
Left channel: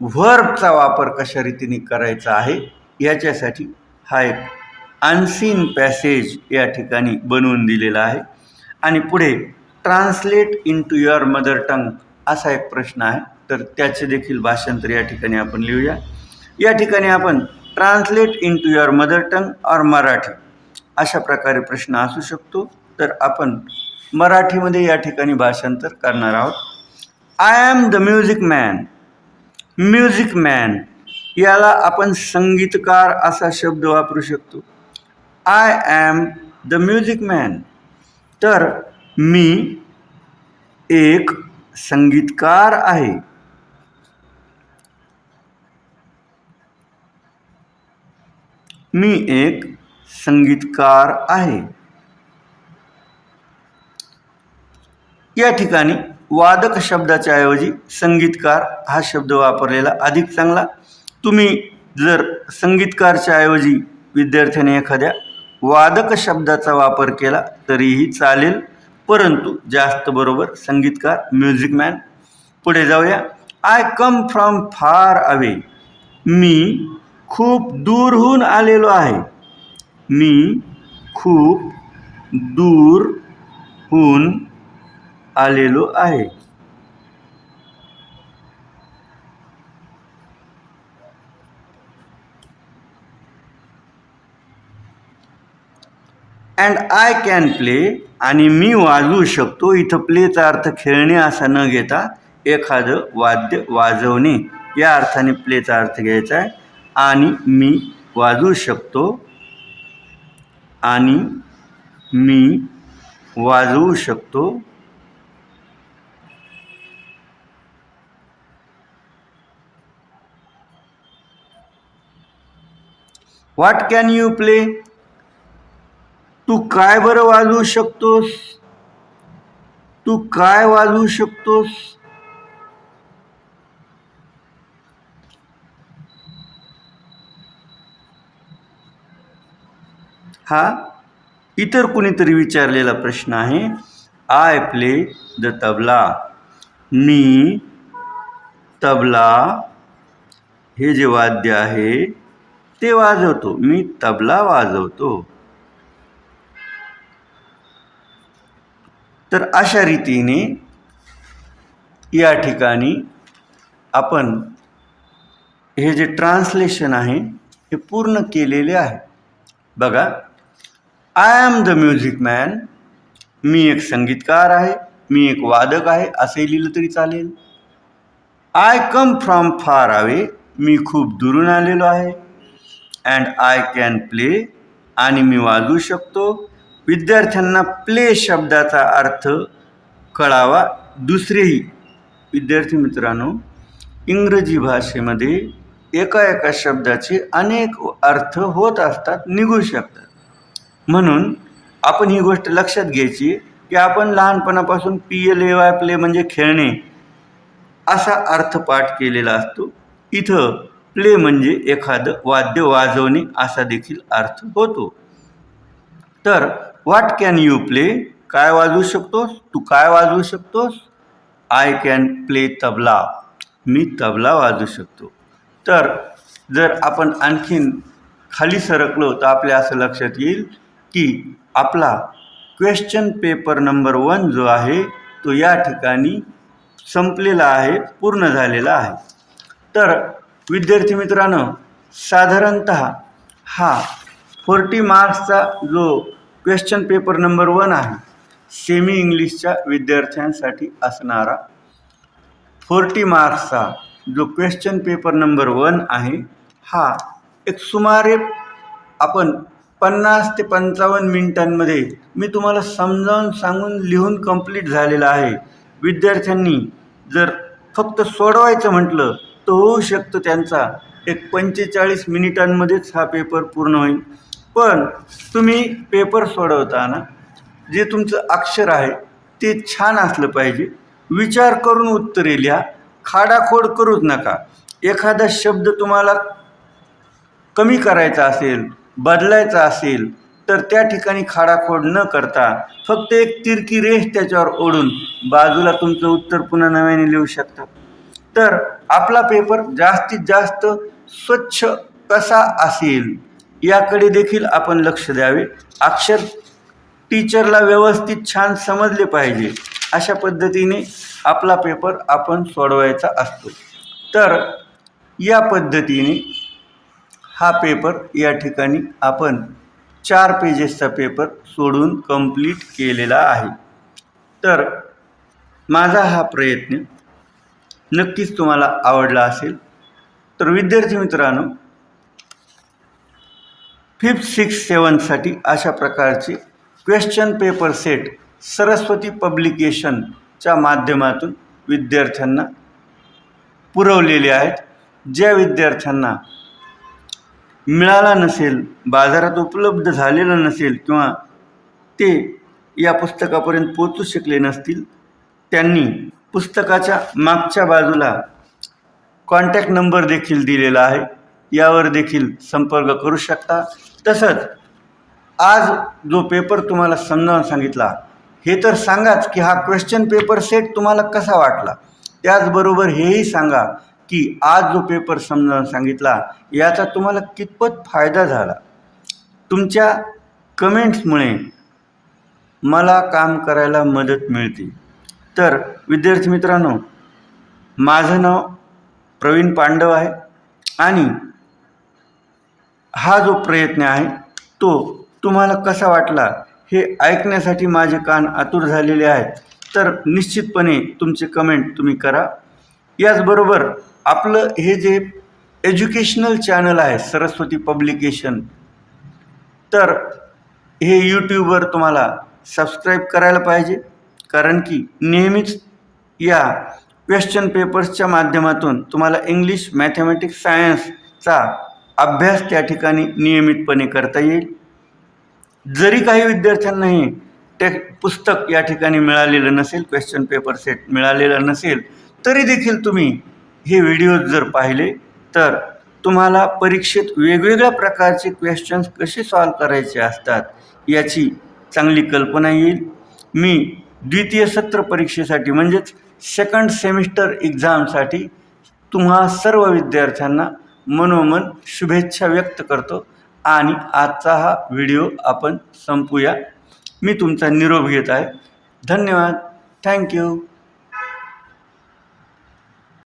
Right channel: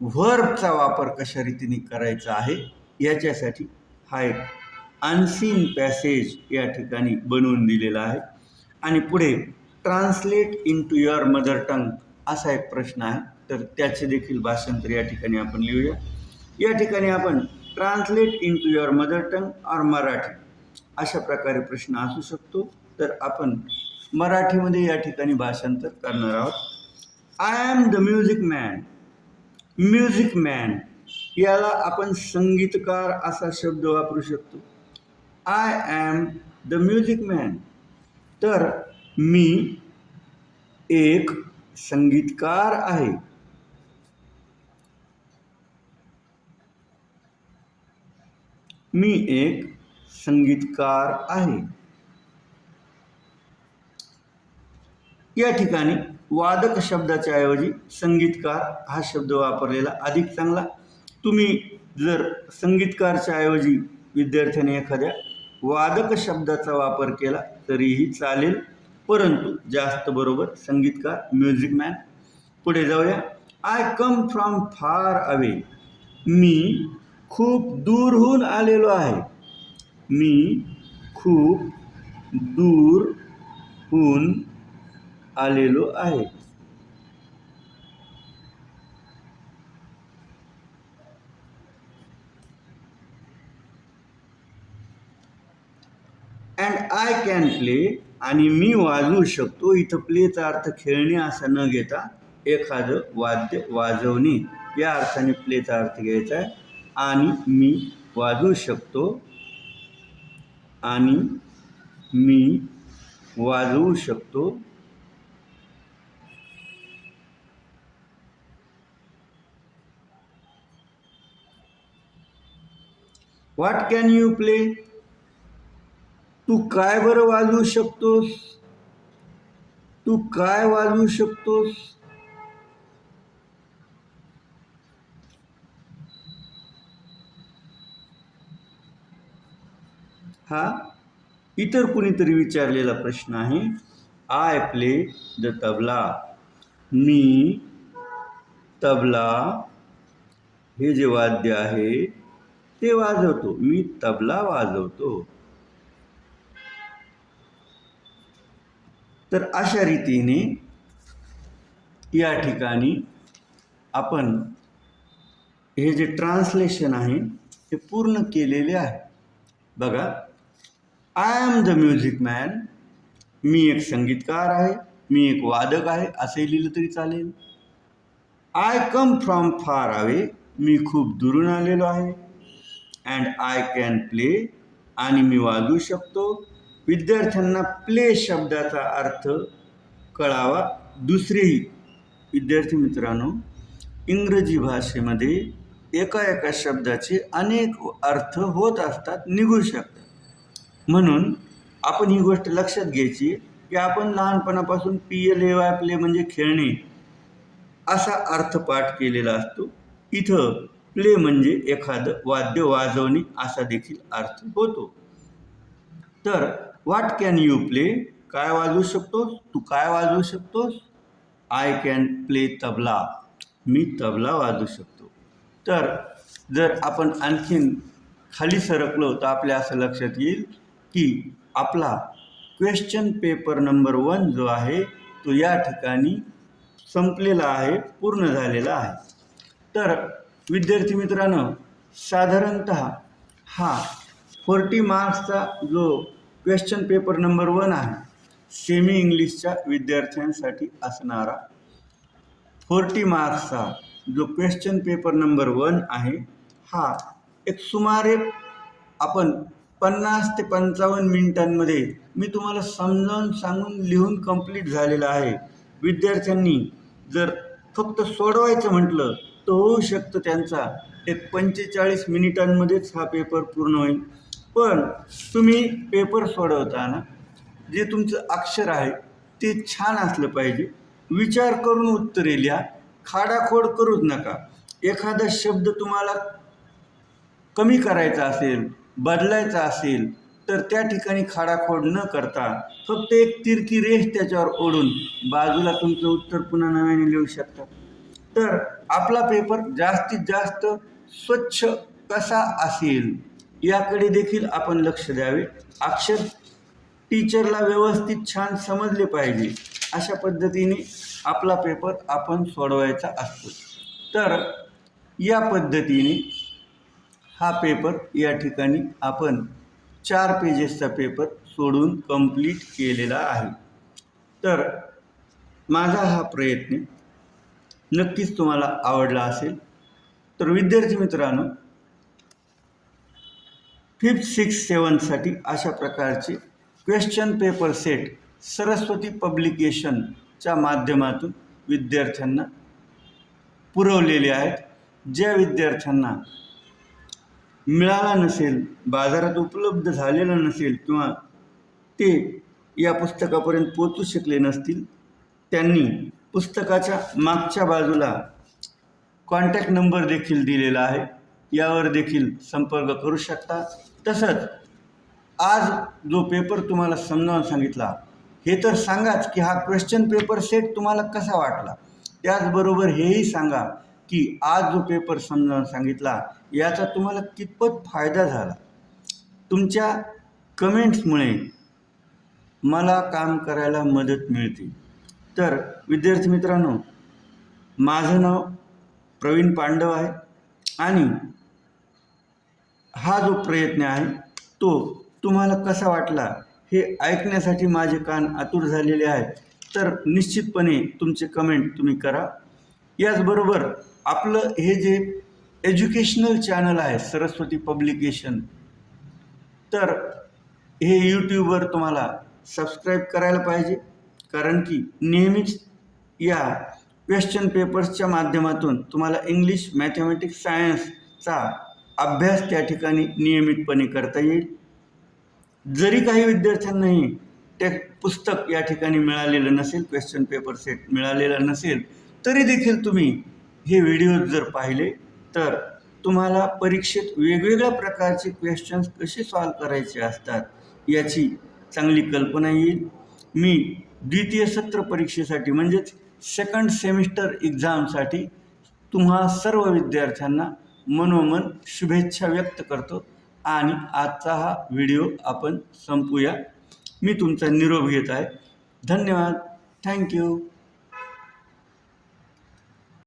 व्हर्बचा वापर कशा रीतीने करायचा आहे याच्यासाठी हा एक अनसीन पॅसेज या ठिकाणी बनवून दिलेला आहे. आणि पुढे translate into your mother tongue असा एक प्रश्न आहे, तर त्याचे देखील भाषांतर या ठिकाणी आपण लिहूया. या ठिकाणी आपण translate into your mother tongue or Marathi अशा प्रकारे प्रश्न असू शकतो. तर आपण मराठीमध्ये या ठिकाणी भाषांतर करणार आहोत. I am the music man. Music man याला आपण संगीतकार असा शब्द वापरू शकतो. I am the music man, तर मी एक संगीतकार आहे. मी एक संगीतकार आहे. या ठिकाणी वादक शब्दाच्या ऐवजी संगीतकार हा शब्द वापरलेला अधिक चांगला. तुम्ही जर संगीतकारच्या ऐवजी विद्यार्थ्याने एखाद्या वादक शब्दाचा वापर केला तरीही चालेल, परंतु जास्त बरोबर संगीतकार, म्युझिकमॅन. पुढे जाऊया. I come from far away. मी खूप दूरहून आलेलो आहे. मी खूप दूरहून आलेलो आहे. And I can play. आणि मी वाजवू शकतो. इथं प्लेचा अर्थ खेळणे असा न घेता एखादं वाद्य वाजवणे या अर्थाने प्लेचा अर्थ घ्यायचा आहे. आणि मी वाजवू शकतो. आणि मी वाजवू शकतो. What can you play. तू काय बरं वाजवू शकतोस. तू काय वाजवू शकतोस. हा इतर कुणीतरी विचारलेला प्रश्न आहे. I play the tabla. मी तबला हे जे वाद्य आहे ते वाजवतो. मी तबला वाजवतो. तर अशा रीतीने या ठिकाणी आपण हे जे ट्रान्सलेशन आहे हे पूर्ण केलेले आहे. बघा. I am the music man. मी एक संगीतकार आहे. मी एक वादक आहे असे लिहिलं तरी चालेल. I come from far away. मी खूप दुरून आलेलो आहे. And I can play. आणि मी वाजवू शकतो. विद्यार्थ्यांना प्ले शब्दाचा अर्थ कळावा. दुसरेही विद्यार्थी मित्रांनो, इंग्रजी भाषेमध्ये एका शब्दाचे अनेक अर्थ होत असतात, निघू शकतात. म्हणून आपण ही गोष्ट लक्षात घ्यायची की आपण लहानपणापासून PLAY प्ले म्हणजे खेळणे असा अर्थ पाठ केलेला असतो. इथं प्ले म्हणजे एखादं वाद्य वाजवणे असा देखील अर्थ होतो. तर व्हॉट कॅन यू प्ले. काय वाजवू शकतोस. तू काय वाजवू शकतोस. I can play tabla. मी तबला वाजवू शकतो. तर जर आपण आणखीन खाली सरकलो तर आपल्या असं लक्षात येईल की आपला क्वेश्चन पेपर नंबर 1 जो आहे तो या ठिकाणी संपलेला आहे, पूर्ण झालेला आहे. तर विद्यार्थी मित्रांनो, साधारणतः हा 40 मार्क्सचा जो क्वेश्चन पेपर नंबर 1 आहे, सेमी इंग्लिशच्या विद्यार्थ्यांसाठी असणारा 40 मार्क्सचा जो क्वेश्चन पेपर नंबर 1 आहे, हा एक सुमारे आपण 50 ते 55 मिनिटांमध्ये मी तुम्हाला समजावून सांगून लिहून कंप्लीट झालेला आहे. विद्यार्थ्यांनी जर फक्त सोडवायचं म्हटलं तर होऊ शकतं त्यांचा एक 45 मिनिटांमध्येच हा पेपर पूर्ण होईल. पण तुम्ही पेपर सोडवताना जे तुमचं अक्षर आहे ते छान असलं पाहिजे. विचार करून उत्तरे लिहा. खाडाखोड करूच नका. एखादा शब्द तुम्हाला कमी करायचा असेल, बदलायचा असेल तर त्या ठिकाणी खाडाखोड न करता फक्त एक तिरकी रेष त्याच्यावर ओढून बाजूला तुमचं उत्तर पुन्हा नव्याने लिहू शकता. तर आपला पेपर जास्तीत जास्त स्वच्छ कसा असेल याकडे देखील आपण लक्ष द्यावे. अक्षर टीचरला व्यवस्थित छान समजले पाहिजे अशा पद्धतीने आपला पेपर आपण सोडवायचा असतो. तर या पद्धतीने हा पेपर या ठिकाणी आपण 4 पेजेसचा पेपर सोडून कंप्लीट केलेला आहे. तर माझा हा प्रयत्न नक्कीच तुम्हाला आवडला असेल. तर विद्यार्थी मित्रांनो, 5th, 6th, 7thसाठी अशा प्रकारचे क्वेश्चन पेपर सेट सरस्वती पब्लिकेशनच्या माध्यमातून विद्यार्थ्यांना पुरवलेले आहेत. ज्या विद्यार्थ्यांना मिळाला नसेल, बाजारात उपलब्ध झालेलं नसेल किंवा ते या पुस्तकापर्यंत पोचू शकले नसतील, त्यांनी पुस्तकाच्या मागच्या बाजूला कॉन्टॅक्ट नंबर देखील दिलेला आहे, यावर देखील संपर्क करू शकता. तसंच आज जो पेपर तुम्हाला समजावून सांगितला, हे तर सांगाच की हा क्वेश्चन पेपर सेट तुम्हाला कसा वाटला. त्याचबरोबर हेही सांगा की आज जो पेपर समजावून सांगितला याचा तुम्हाला कितपत फायदा झाला. तुमच्या कमेंट्समुळे मला काम करायला मदत मिळते. तर विद्यार्थी मित्रांनो, माझं नाव प्रवीण पांडव आहे आणि हा जो प्रयत्न आहे तो तुम्हाला कसा वाटला हे ऐकण्यासाठी माझे कान आतुर झालेले आहेत. तर निश्चितपणे तुमचे कमेंट तुम्ही करा. याचबरोबर आपलं हे जे एज्युकेशनल चॅनल आहे सरस्वती पब्लिकेशन, तर हे यूट्यूबवर तुम्हाला सबस्क्राईब करायला पाहिजे, कारण की नेहमीच या क्वेश्चन पेपर्सच्या माध्यमातून तुम्हाला इंग्लिश, मॅथमॅटिक्स, सायन्सचा अभ्यास त्या ठिकाणी नियमितपणे करता येईल. जरी काही विद्यार्थ्यांना हे पुस्तक या ठिकाणी मिळालेलं नसेल, क्वेश्चन पेपर सेट मिळालेला नसेल, तरी देखील तुम्ही हे व्हिडिओज जर पाहिले तर तुम्हाला परीक्षेत वेगवेगळ्या प्रकारचे क्वेश्चन्स कसे सॉल्व करायचे असतात याची चांगली कल्पना येईल. मी द्वितीय सत्र परीक्षेसाठी म्हणजेच सेकंड सेमिस्टर एक्झामसाठी तुम्हा सर्व विद्यार्थ्यांना मनोमन शुभेच्छा व्यक्त करतो आणि आजचा हा व्हिडिओ आपण संपूया. मी तुमचा निरोप घेत आहे. धन्यवाद. थँक्यू.